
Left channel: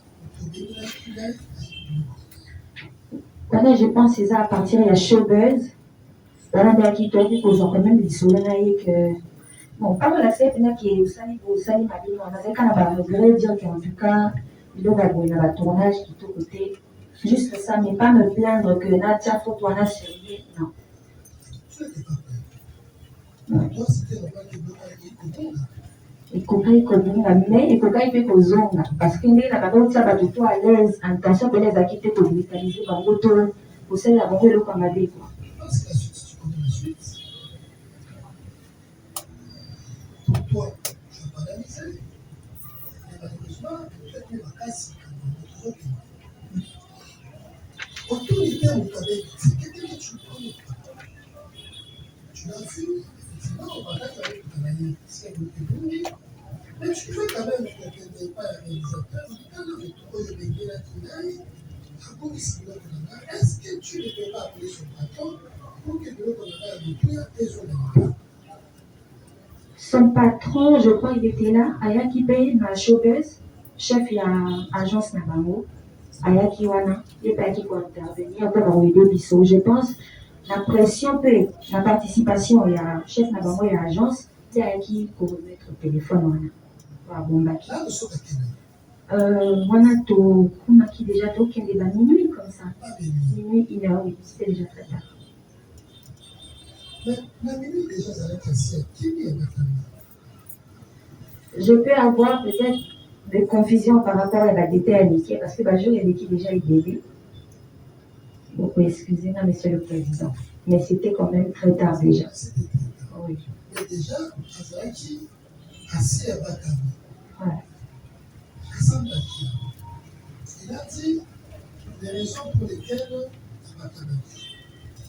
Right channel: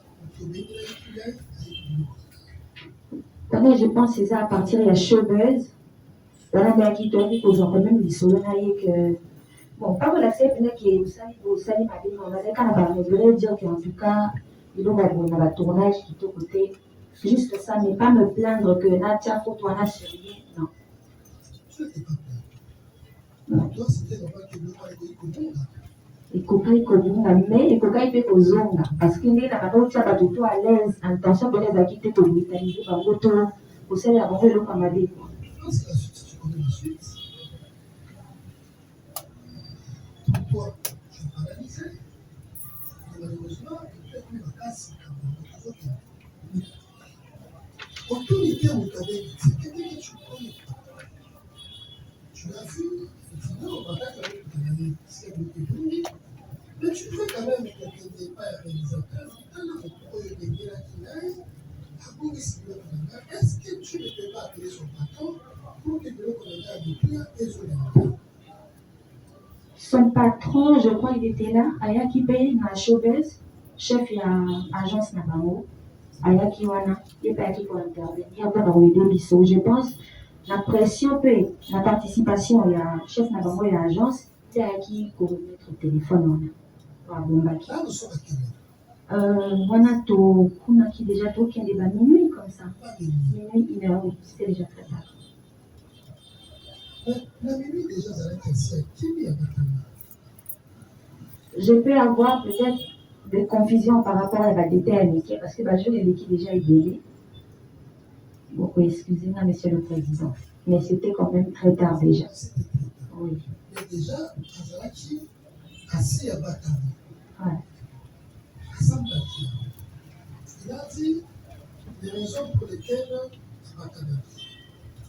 voilà, je pense que c'est ça à partir de la showbuzz. Voilà, mais qui doit dire qu'on a même des souvenirs que. Bon, pas mal à faire, il y a qui est au Sali, ma pays, on a fait quand on va regretter dire qu'en tout cas, il y a un tournage qui est au côté. Juste ça, mais pas me plaindre que Nadia, faut toi, surveiller. Non. Tu n'étais pas plaindre. Toi, c'était normal que le roi ait ikokai kobunga mais ikokai pe kozonga parce que ndenge na bango tia bato to à l'aise intention pele ezalaki te kolimikalize bango to kosalela bango eloko ya mabe kwa. Pour toi, tu vas pas analyser. Mais malheureusement, peut-être même à casse comme autre chose. Autorité, on t'avait dit, c'est quelqu'un que tu connais pas. Tu l'as vu, effectivement, on va avec le travail, c'est un peu plus. Mais tu veux quand même que tu n'aies pas un réalisateur, quand on retrouve le bébé là qui aille, est-ce que tu ne peux pas appeler son patron pour que le Canada ait depuis son emploi? Son patron, je crois, il était là, Ayaki Bey, ma showbiz, chef de l'agence Nabango, Ayaki Wana, et pas qui peut intervenir, après dans le biseau. Je pense la pression peut, la participation, il y a chef Nabango et l'agence, c'est Ayaki pour mettre au téléphone Wana. Bombaki. Wana to Kumaki déjà to qui est déjà minuit comme ça. Minuit, 1h, oui, c'était déjà très tard. Mais la minuit déjà, ça va être assez. Qui est maintenant? Je peux avoir peut-être des confusions par rapport à la détail amitié parce que bah, je l'ai dit déjà idéalisé. Beaucoup excusez-moi, monsieur le président. Mais c'était quand même très tard déjà. Oui. Mais déjà, Azaraki, assis à Batami. Ouais. Il a dit les raisons pour lesquelles Batami.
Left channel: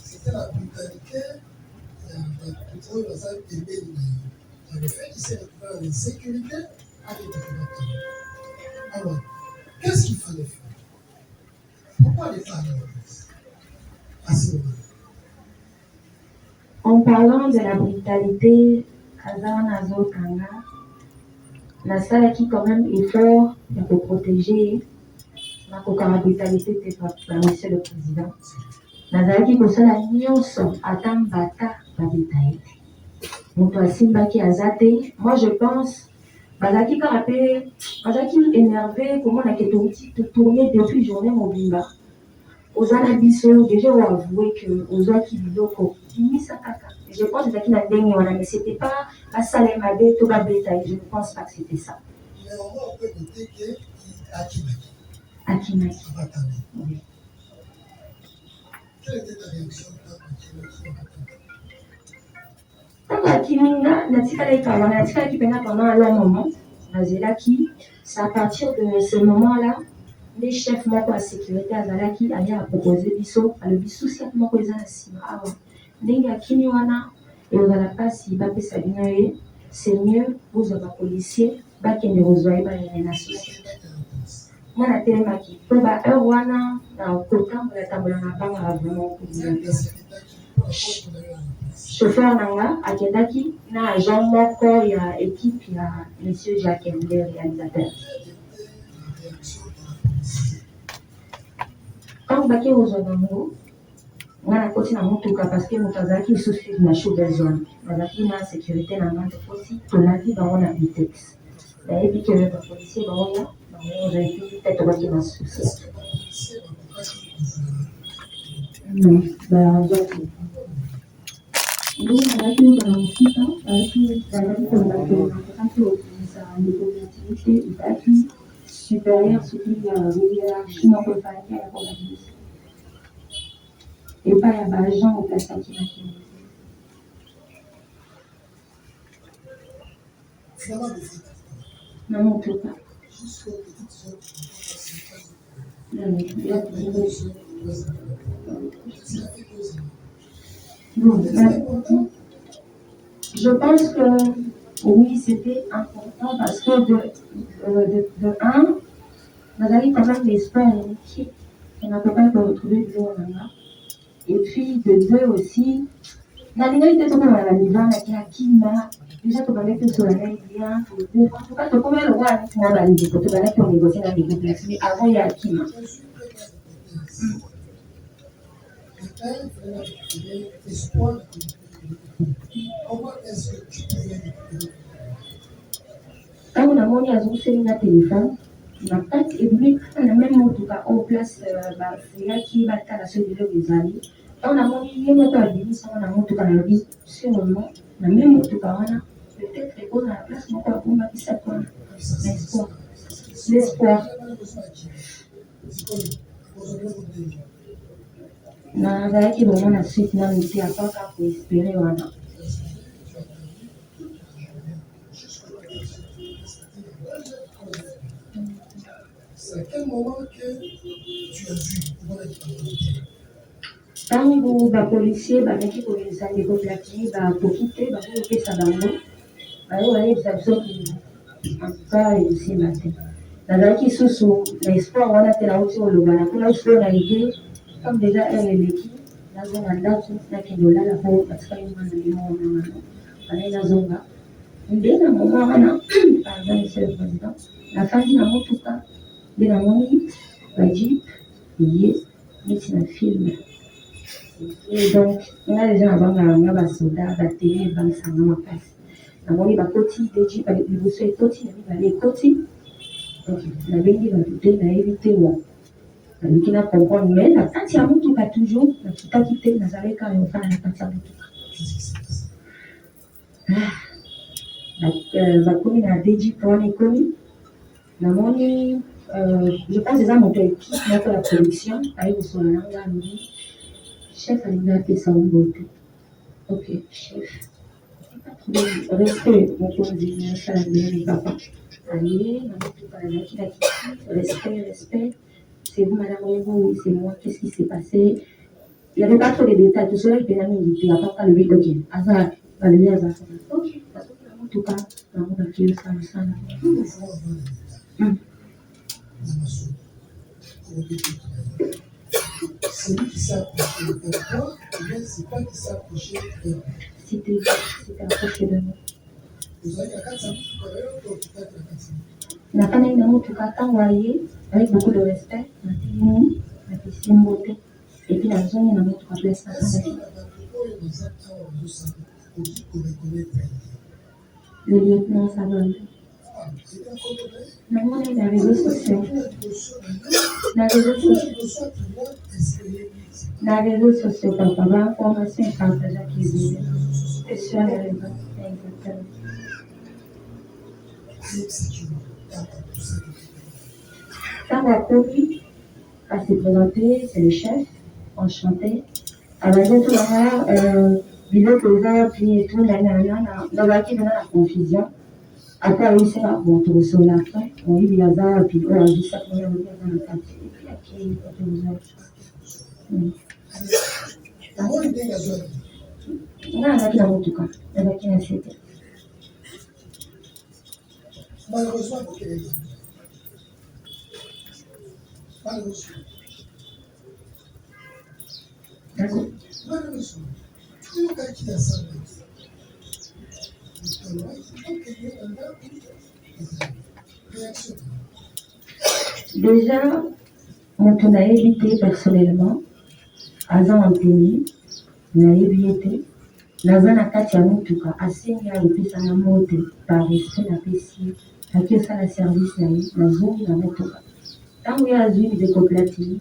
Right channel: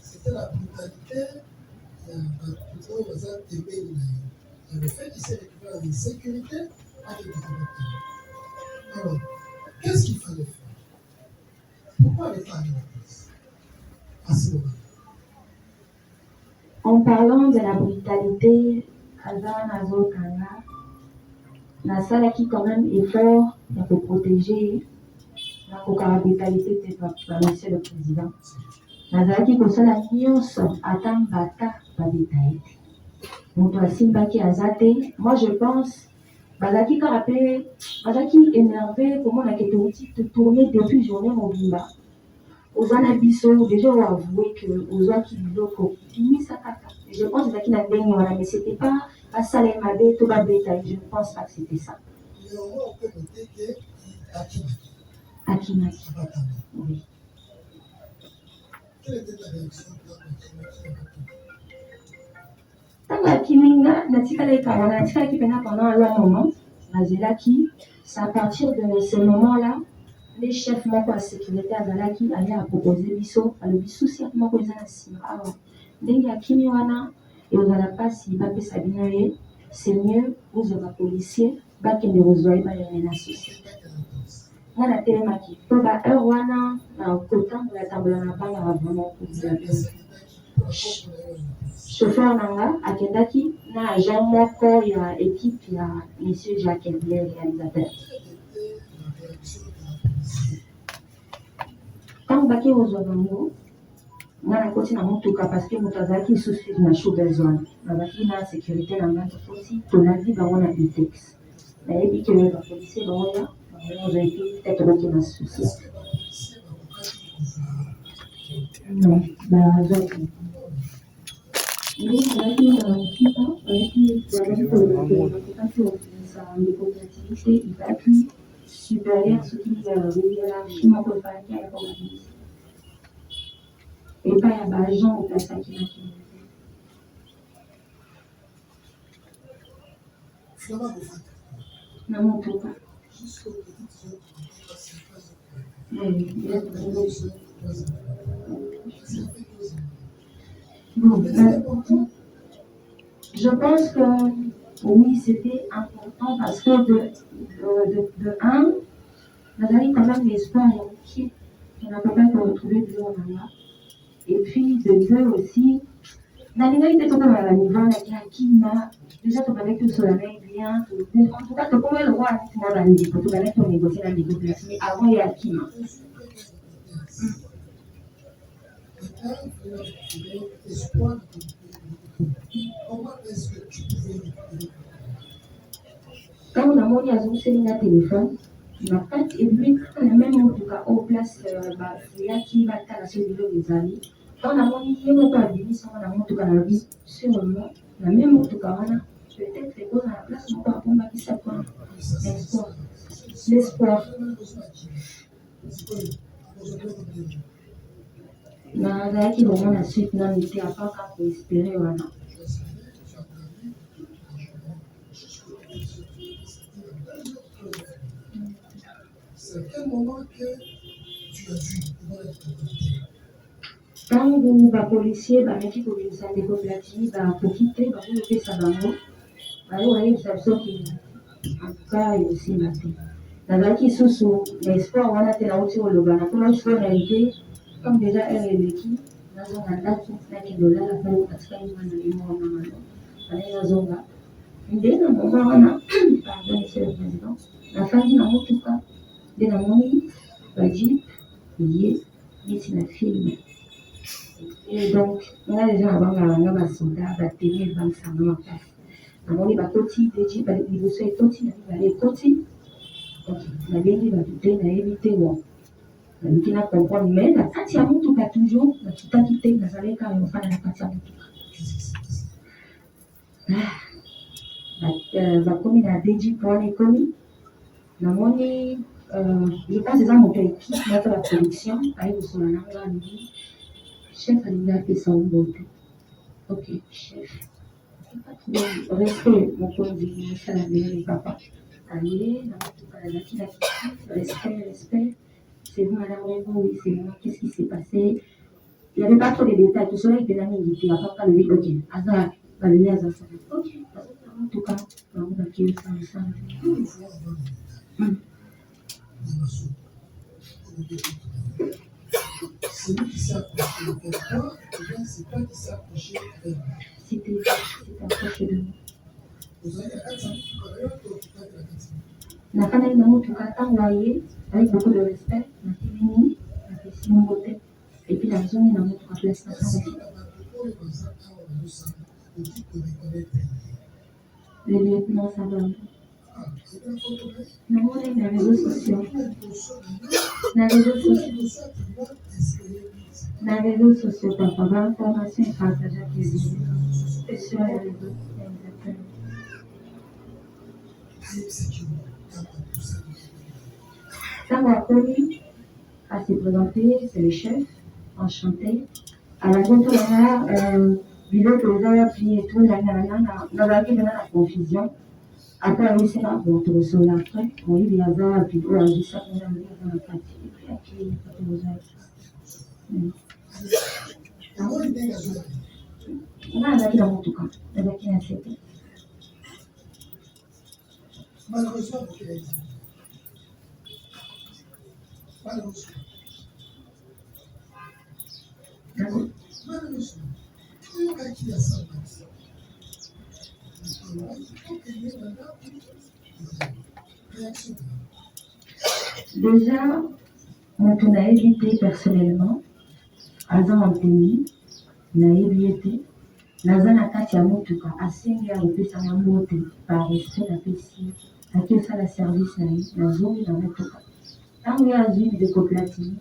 C'était la brutalité, le fait qu'il s'est retrouvé en insécurité avec Batami. Alors, qu'est-ce qu'il fallait faire? Pourquoi les femmes à ce moment-là? En parlant de la brutalité, Kazan Azokanga, la salle qui quand même effort pour protéger la brutalité de monsieur le président. Nazalaki kosala nyonso ata mbata badetaye moto asimbaki aza te. Moi je pense bazalaki kaka mpe bazalaki énervé komona ke tourner depuis journée mobimba oza na biso déjà oavoué que ozwaki biloko bimisa kaka. Je pense ezalaki na ndenge wana mais c'était pas basala mabe to babetaye. Je ne pense pas que c'était ça. Mais au moins on peut noter que Akimaki. Oui. Quelle était ta réaction quand Akiminga, natikala pendant un long moment, Nazelaki, c'est à partir de ce moment-là, les chefs de la sécurité à Zalaki allaient proposer Bisso, le Bisso, c'est moi qui ai avant. Nenga Kimiwana, et on n'a pas si Babé Sabinoé, c'est mieux, vous avez un policier, qui ne vous voyez pas une association. Moi, la télémaki, pour la Erwana, dans le temps, pour la table de la banque, vraiment. chauffeur nanga akendaki na agent moko ya équipe ya monsieur Jacques le réalisateur. Quand baki ozwa bango nga nakoti na motuka parce que moto azalaki lisusu na shovel zone bazalaki na sécurité na nga tokoti tolandi bango na bitex nayebi ke bapolisier baoya bango ozwa epi te tokoti na susi bazwaki donc bazalaki na mosika bazalaki kolobaki ozisa mikoopérativité ezalaki supérieur soki hiérarchie moko ezalaki ya koorganise epai ya baagent oplasaki na kino na motuka bon, je pense que oui, c'était important parce que de un, Nazari quand même l'espoir et l'équipe, on n'a pas retrouver de l'eau là. Et puis de deux aussi, Nazari était tombé à la niveau, qui m'a déjà tout connecté sur la main bien, en tout cas, tout comme le roi, moi, dans les photos, on négocie dans les groupes, mais avant, il y a Akima. Comment est-ce que tu pouvais quand on a monté à Zousséline à téléphone, ma tête et lui, quand on a même en tout cas en place, il y a qui va être à la suite de l'Obésali. Quand on a monté, il y a mon père, on a monté à la vie, sûrement, on a même en tout cas, on a peut-être répondu à la place, mon père, pour ma vie, ça prend l'espoir. L'espoir. Nazalaki vraiment la suite na miti apaka kuespere wana. C'est à quel moment que tu as vu Tangu bapolisier bameki kolisa ndeko platini bakokite bakolopesa bango bayo bayebisa biso ki antuka ekosimba te nazalaki susu na espoir wana te nauti koloba nakola espoir na ide comme déjà elle eleki nazonga ndako nakende olala po batikali mwana limo na mano banaye nazonga nde na moma wana pardon monsieur le président nafandi na motuka nde namoni bajip ye neti na filme et donc nga déjà nabanga nga basoda batele ebangisanga makasi namoni bakoti de jip liboso ekoti na mibale ekoti nabengi badute nayebi te mo naluki na comprendre mais na kati ya motuka toujours nakitaki te nazalaki ayo ofana na kati ya motuka bakomi na djp wana ekomi namoni je pense eza moto équipe moko ya production aye kosola na nga alobi chef alingi apesa mbote ok chef respect mokonzi nasala mbele papa aye na motuka nazalaki na kiti respect c'est vous madame oui c'est moi qu'est-ce qui s'est passé il n'y avait pas trop de détails tout cela il était mingi à part le oui ok aza balele aza ok en tout cas bango bakio sana sana celui qui s'est approché de toi, ou bien c'est toi qui s'est approché de toi? C'était approché de moi. Vous avez la carte santé, nafanya na motuka ntango aye avec beaucoup de respect natelemi napesi mbote epi nazongi na motuka place nasangaki le lieutenant Savando namoni na réseaux sociaux na réseaux sociaux papa bainformation epartageaki ebele c'est sur les réseaux exactement. Ntango akomi s'est présenté, c'est le chef, enchanté. Abazo tout nanga biloko eza puis tout nazalaki mpena na confusion après ayobisinga bon tokosola après oyebi aza puis oyo azwisaki oyo alobi aza na kati epuis akei tokozwaki nga nazalaki na motuka nazalaki na sete malheureusement malheureusement Déjà, moto nayebi te personnellement aza motemi nayebi ete naza na kati ya motuka asengi akopesanga moto par respect napesi aki osala service na ye nazongi na motuka ntango ye azwi ndeko platini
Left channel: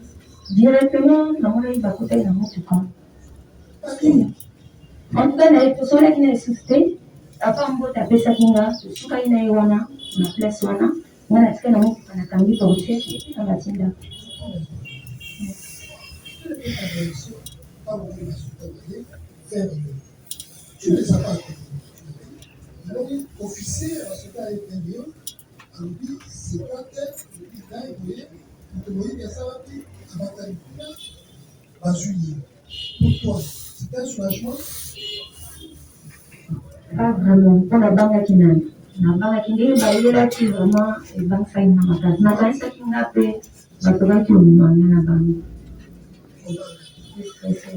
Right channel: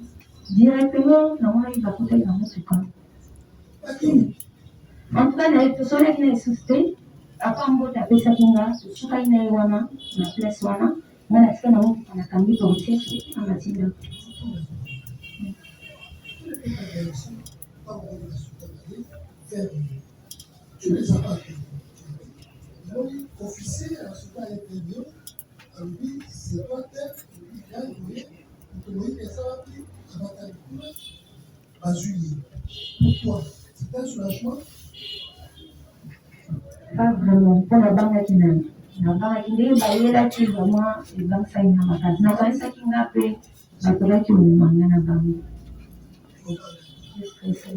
directement namonaki bakotaki na motuka antuka na ye tosolaki na esusu te apa mbote apesaki nga tosukaki na ye wana na place wana nga na tika na motuka nakangi portiere na batinda Tu les as pas connus. Donc, officier à ce cas est un Alubi, c'est pas tel, Alubi, là, vous voyez, que ça va plus, à bataille à juillet. Pour toi, c'est un soulagement? Pas vraiment, pour la banque qui n'a. La banque qui n'est pas là, qui vraiment est dans sa main. La banque qui n'a pas, la banque qui n'a pas la banque. C'est stressé.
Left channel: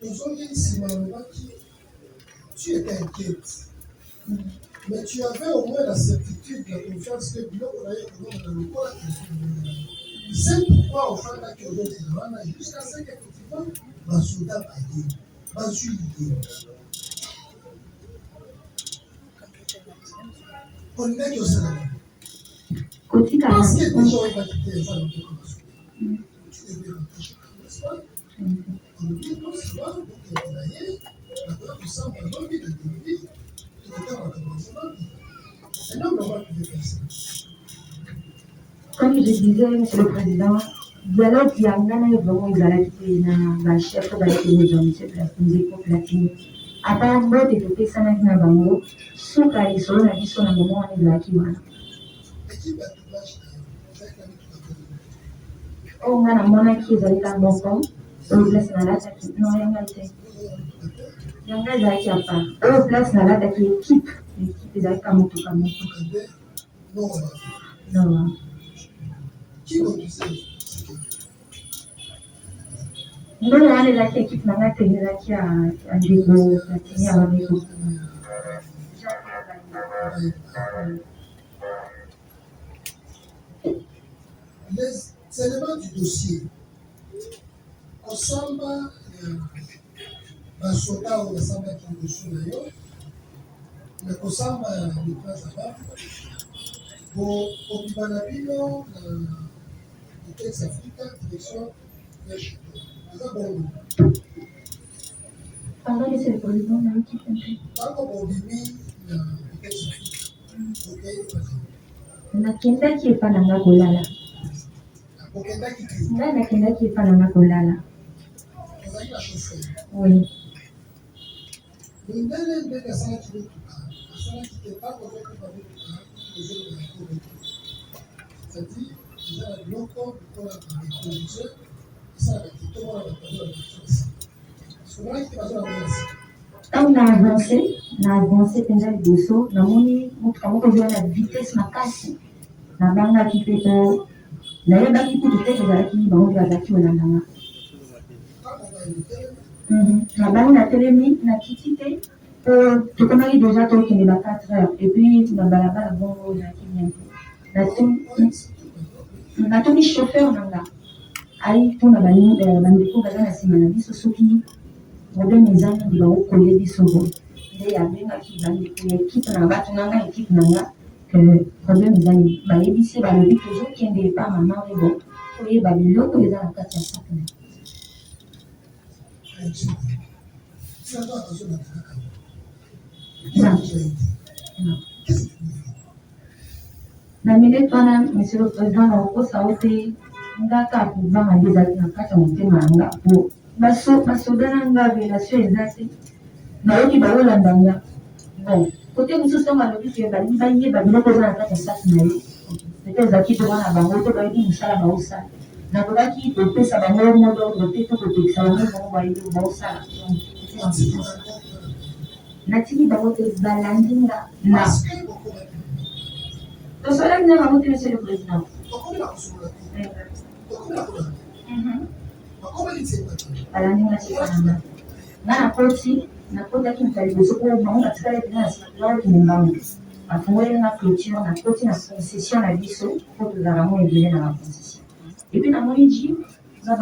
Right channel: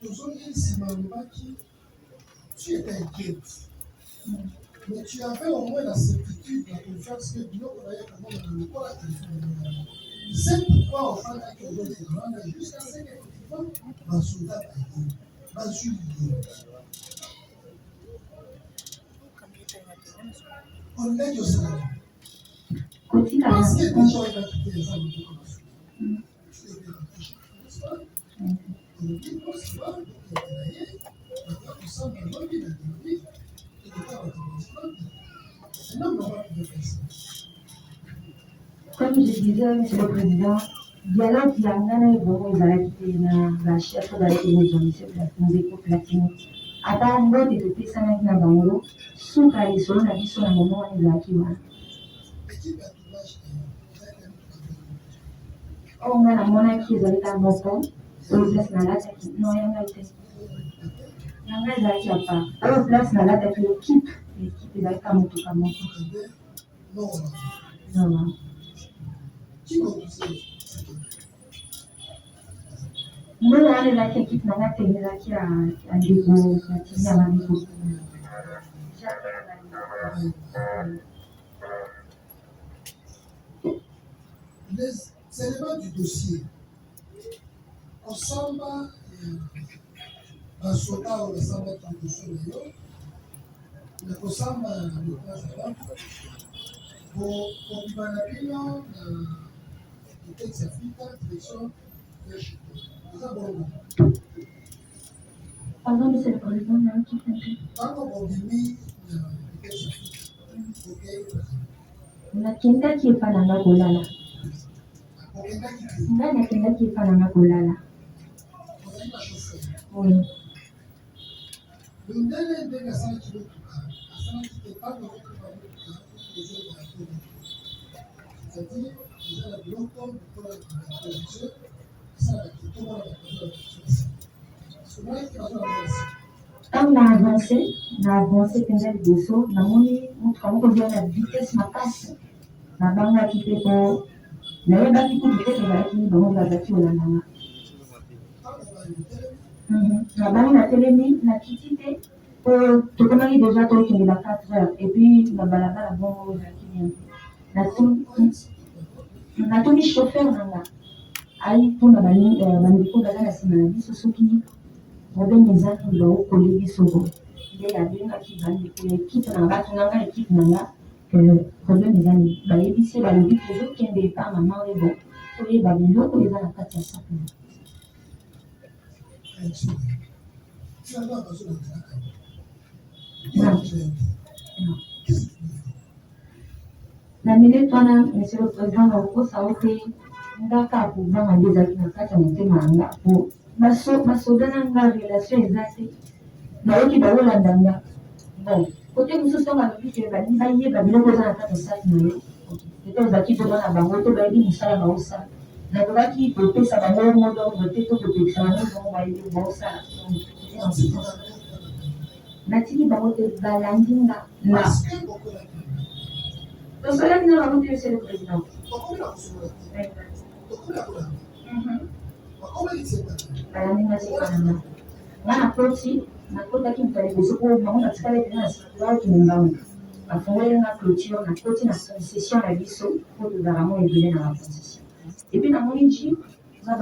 Besoin qui tu étais inquiète. Mais tu avais au moins la certitude, la confiance que c'est pourquoi au fond de jusqu'à ce qu'effectivement, ma soldat va juillet. On est au Sénat. Parce que déjà, on va quitter les femmes. Tu devais rentrer, n'est-ce pas? Comme je disais, Monsieur le Président, dialogue Yangana est vraiment exalté dans la chef de la Platini. À part d'autres développés, ça n'a pas bango, sous Kaliso, on a dit son moment de la Kiwana. On a la monarchie, ils allaient dans mon camp. On place na lata ki non yanga ite yanga ezalaki ya part oyo place na lata ki équipe ezalaki ka motuka moko non ndona wana ezalaki équipe nanga te ezalaki ya ndeko platini ya bandeko les éléments du dossier Osamba, basoda oyo basambaki liboso na yo na kosamba le place avant kobima na bino na Itex Africa direction ya chute eza bongo. Pardon, Monsieur le Président, na équipe ntango bobimi na Itex Africa nakendaki epa nanga kolala ngai nakendaki epa nanga kolala. Oui. Ntango na avance mpenza liboso namoni motuka moko ezwa na vitesse makasi nabangaki mpe po nayebaki kutu te ezalaki bango nde bazalaki kolandanga nabangi natelemi nakiti te po tokomaki deja tokende ba 4 heures epuis na balabala bongo oyo ezalaki bien te natuni chauffeur nanga ai mpona bandeko baza na nsima na biso soki problème eza nini baokole biso boye nde abengaki bandeko ya ekipe na bato nanga ekipe nanga problème eza nini bayebisi balobi tozokende epa mama oyo bo koyeba biloko eza na kati ya sac na na minute wana Monsieur le Président nakokosa o te ngaka akovanga nde ezalaki na kati ya motema yanga po basoda na nga relation eza te nayoki baolanda nga bon kote mosusu ntango alobi ke balingi bayeba biloko eza na kati ya saki na yo pete ezalaki tomona bango to bayebi mosala baosala nakokaki kopesa bango modordre te to kotekisa bango bango bayebi baosala natiki bango te balandi nga na tosolaki na bango te Monsieur le Président balandi nga sekananga nga nakotaki moto ya liboso po bango batikala mpena na sika baokende mbango bafungoli nga clôture nakoti na concession na biso po tozalaka mo ebele na baconcession epuis namoni ji na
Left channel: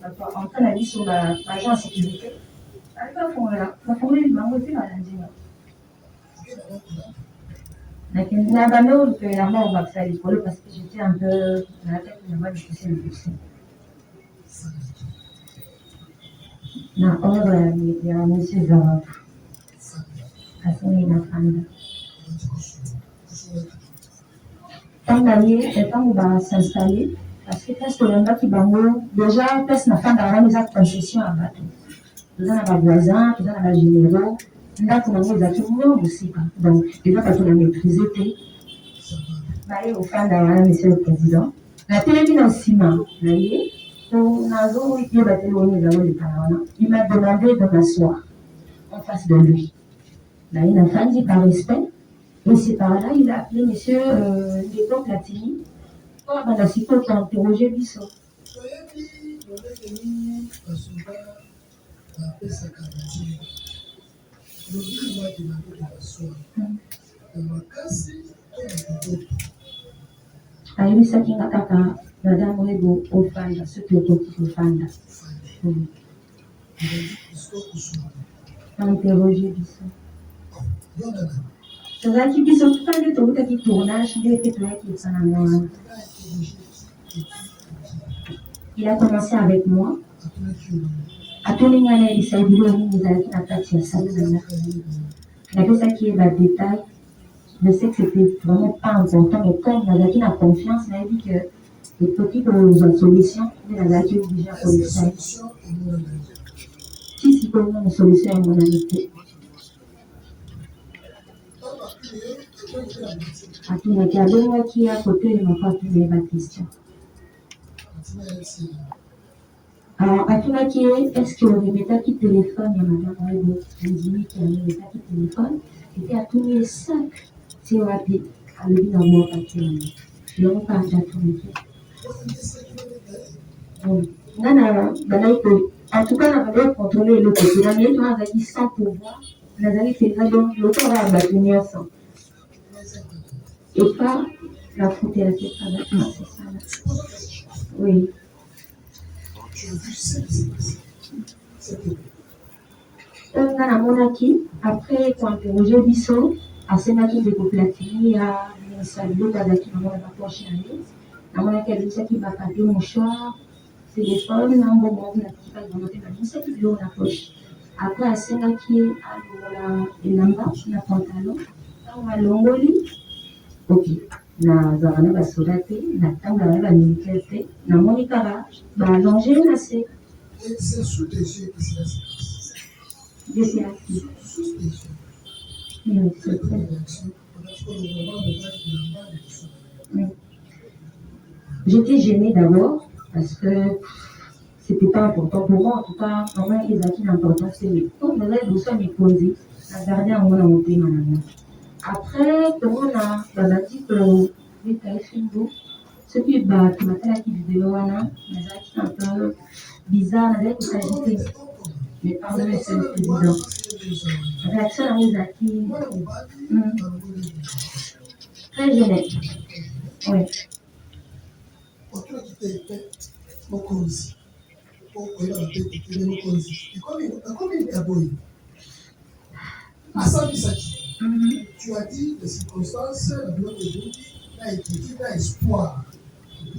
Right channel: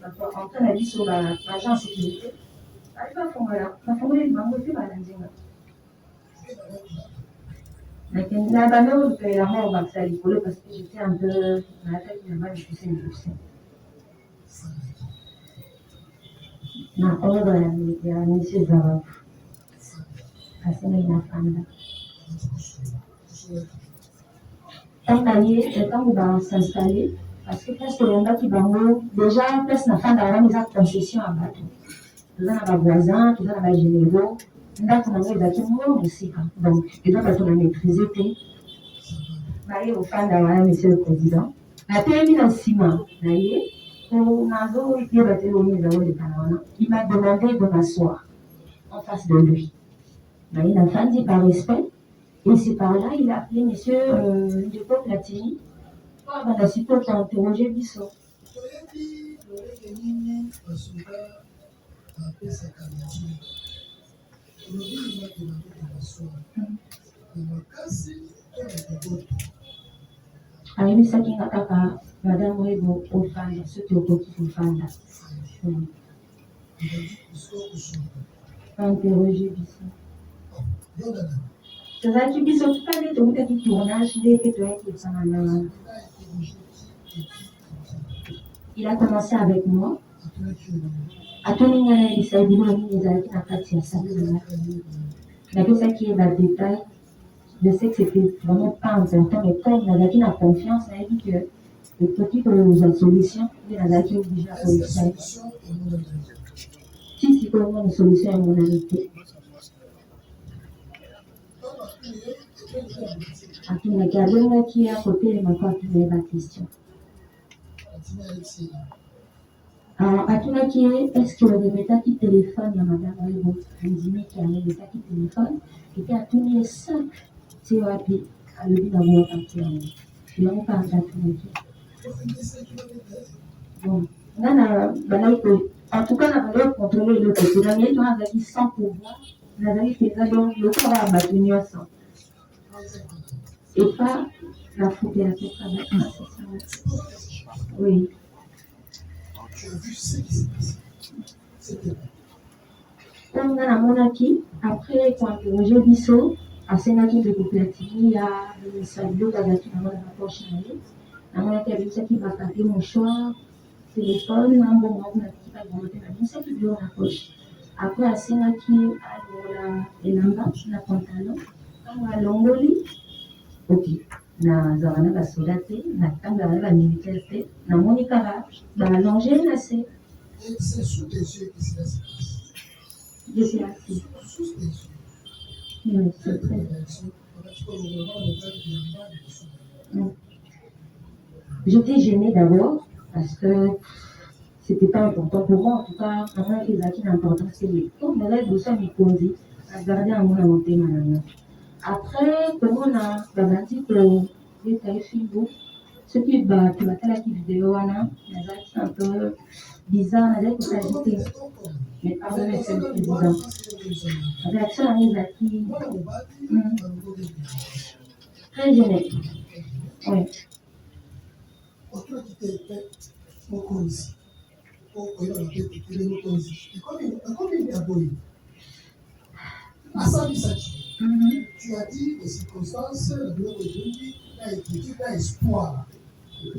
bato entrain na biso baagent en sécurité bali bafungoli bango epuis balandi nga na bame oyo lupelanga obakisa likolo parce que j'étais un peu na la tête na badikuse mikuse na oro ya monsieur Zava asengai na fanda ntango basinstalle parce que place toyambaki bango déjà place na fanda wana eza concession ya bato toza na bavoisin toza na bagénéraux ndako nango ezalaki mongo mosika donc eza bato na maîtrise te baye kofanda wana monsieur le président natelemi na nsima na ye nazoyeba te oyo ezango lekala wana il m'a demandé de m'asseoir en face de lui naye nafandi par respect et c'est par là il a appelé monsieur Ndeko Platini po abanda sikoyo kointerroge biso toyebi lolenge nini basoda bapesaka batie lobi maki na ndoto baswa na makasi to na koboto ayebisaki nga kaka madame oyebo ofanda soki okoki kofanda interroge biso tozalaki biso tuka nde tokutaki tournage nde pe toyaki esananga wana il a commencé avec moi atoni nga nayebisa biloko nini ezalaki na kati ya sale nanga napesaki ye badétail je sais que c'était vraiment pas important mais comme nazalaki na confiance nayebi que ekoki kozwa solution nde nazalaki oblige akolisa ti sikoyo nani solution ya monani te atunaki abengaki ya kotelema po atuneli baquestion atunaki ye est-ce que oremetaki téléphone ya madame webo andimiki aremetaki téléphone ete atuni ye sac ti wapi alobi na mwakaki yango yango mpe anda atunaki nga na bandaki en tout cas na bandaki contrôle eloko te bamie to azalaki sans pouvoir nazali mpenza donc lokola kaka bato nyonso epa bafutelaki azalaki na sesana oui oyo nga namonaki après kointerroge biso asemaki ndeko Platini ya bimisa biloko azalaki nango na bapoche na ye namonaki abimisaki bapapie mouchoir téléphone na mbongo moko natikaki bango te babimisaki biloko na poche après asengaki ye alongola elamba na pantalon ntango alongoli ok nazalaka na basoda te natambulaka na bamilitaire te namoni kaka baalonge na se j'étais assis oui, c'est très j'étais gênée d'abord parce que c'était pas important pour moi en tout cas vraiment ezalaki na importance te donc nazali liboso ya mikonzi nagarde yango na motema na nga après komona babandi kobeta ye filmo soki bato batalaki video wana nazalaki un peu bizarre nazali kosagite mais pardon monsieur le président réaction nango ezalaki très gênée oui mokonzi po koyeba na te tekele mokonzi ekomi ya boye asambisaki tu as dit les circonstances la biloko ebungi na étude na espoir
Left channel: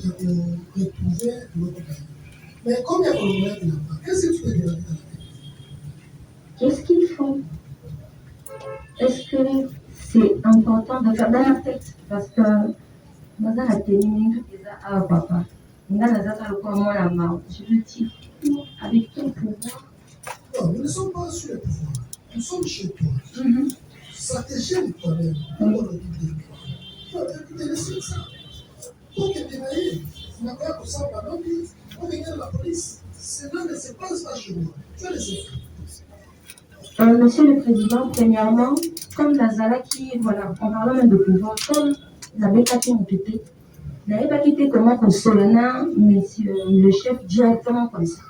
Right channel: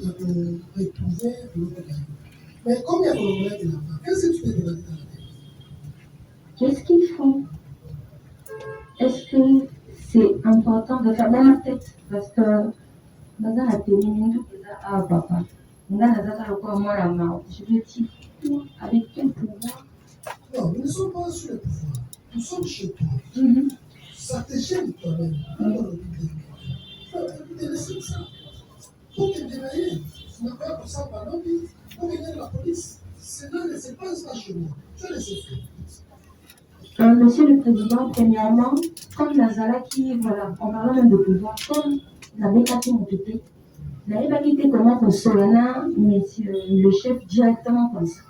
ya koretrouver biloko na yo mais comme ya kolongola bilamba qu'est-ce que tu te demandes dans la tête qu'est-ce qu'ils font est-ce que c'est important de faire dans la tête parce que naza na teni mingi eza awa papa nga nazaka lokola mwana mao je me dis avec quel pouvoir non nous ne sommes pas sur le pouvoir nous sommes chez toi ça te gêne toi-même te laisser ça pour que dérailler nakoya kosamba lobi pour venir la police cela ne se passe pas chez moi tu as laissé faire monsieur le président premièrement comme nazalaki voilà en parlant même de pouvoir comme nabetaki motu te nayebaki te comment kosolana monsieur le chef directement comme ça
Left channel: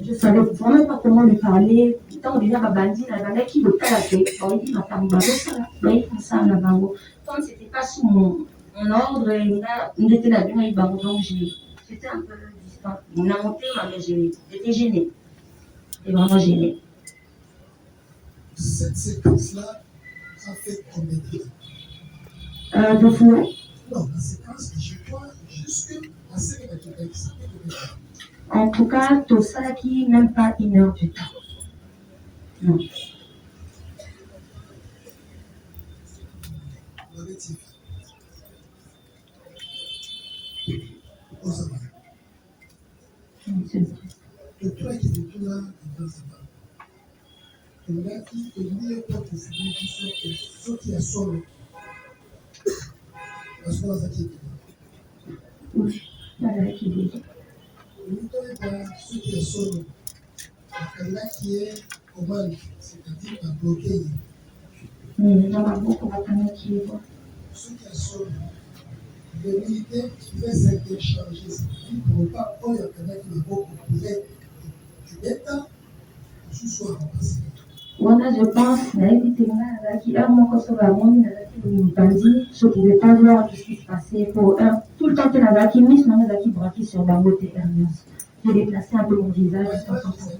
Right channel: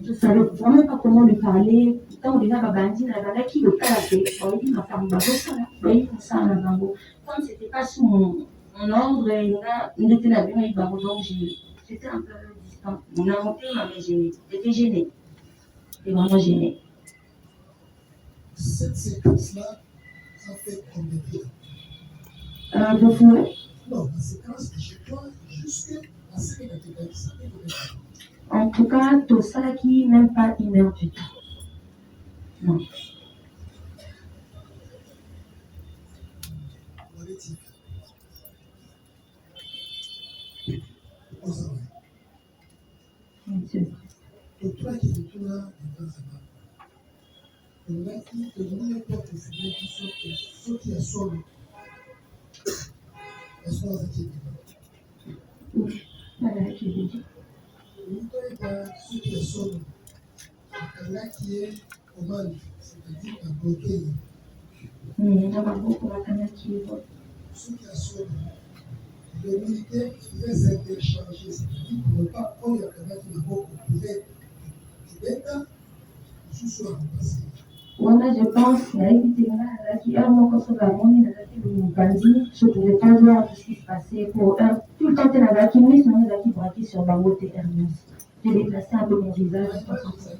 Je ne savais vraiment pas comment lui parler. Tant déjà, Babandi, la banda qui le calait, on dit ma femme, mais il ça en avant. Comme ce n'était pas sous mon ordre, on était là, donc j'étais un peu distant. On a monté, mais j'étais gênée. J'étais vraiment gênée. Cette séquence-là a fait combien de temps? De fou. Non, la séquence, je crois, jusqu'à la série de En tout cas, tout ça qui même pas 1 heure du temps. Non. Toi qui es tout là, dans sa part. Il y a qui est pas pour finir qui sont qui a sonné. Parce que ça qui est dedans. Oui, voilà qui est dedans. Ceux qui a sonné. Là qui est au mal, c'est-à-dire à bloquer. Ceux qui a sonné. Les militaires pouvaient s'interchanger, c'est-à-dire pour ne pas prendre la canette qui pouvait être sous-soit remplacé. Voilà, je pense, qui je ne pouvais pas voir ce qui se passait pour tout le temps que la qui mise non qui braqué sur ma moto Hermès. J'ai déplacé un peu mon visage de temps en temps.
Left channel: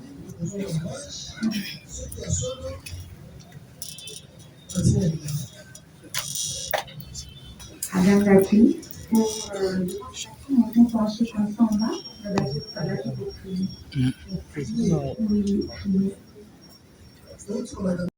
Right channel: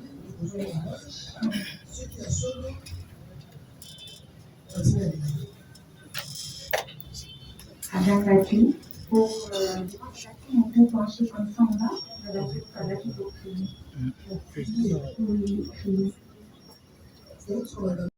Agangaki pour on peut pencher comme ça en bas, Agangaki pour prier. Oui, prier.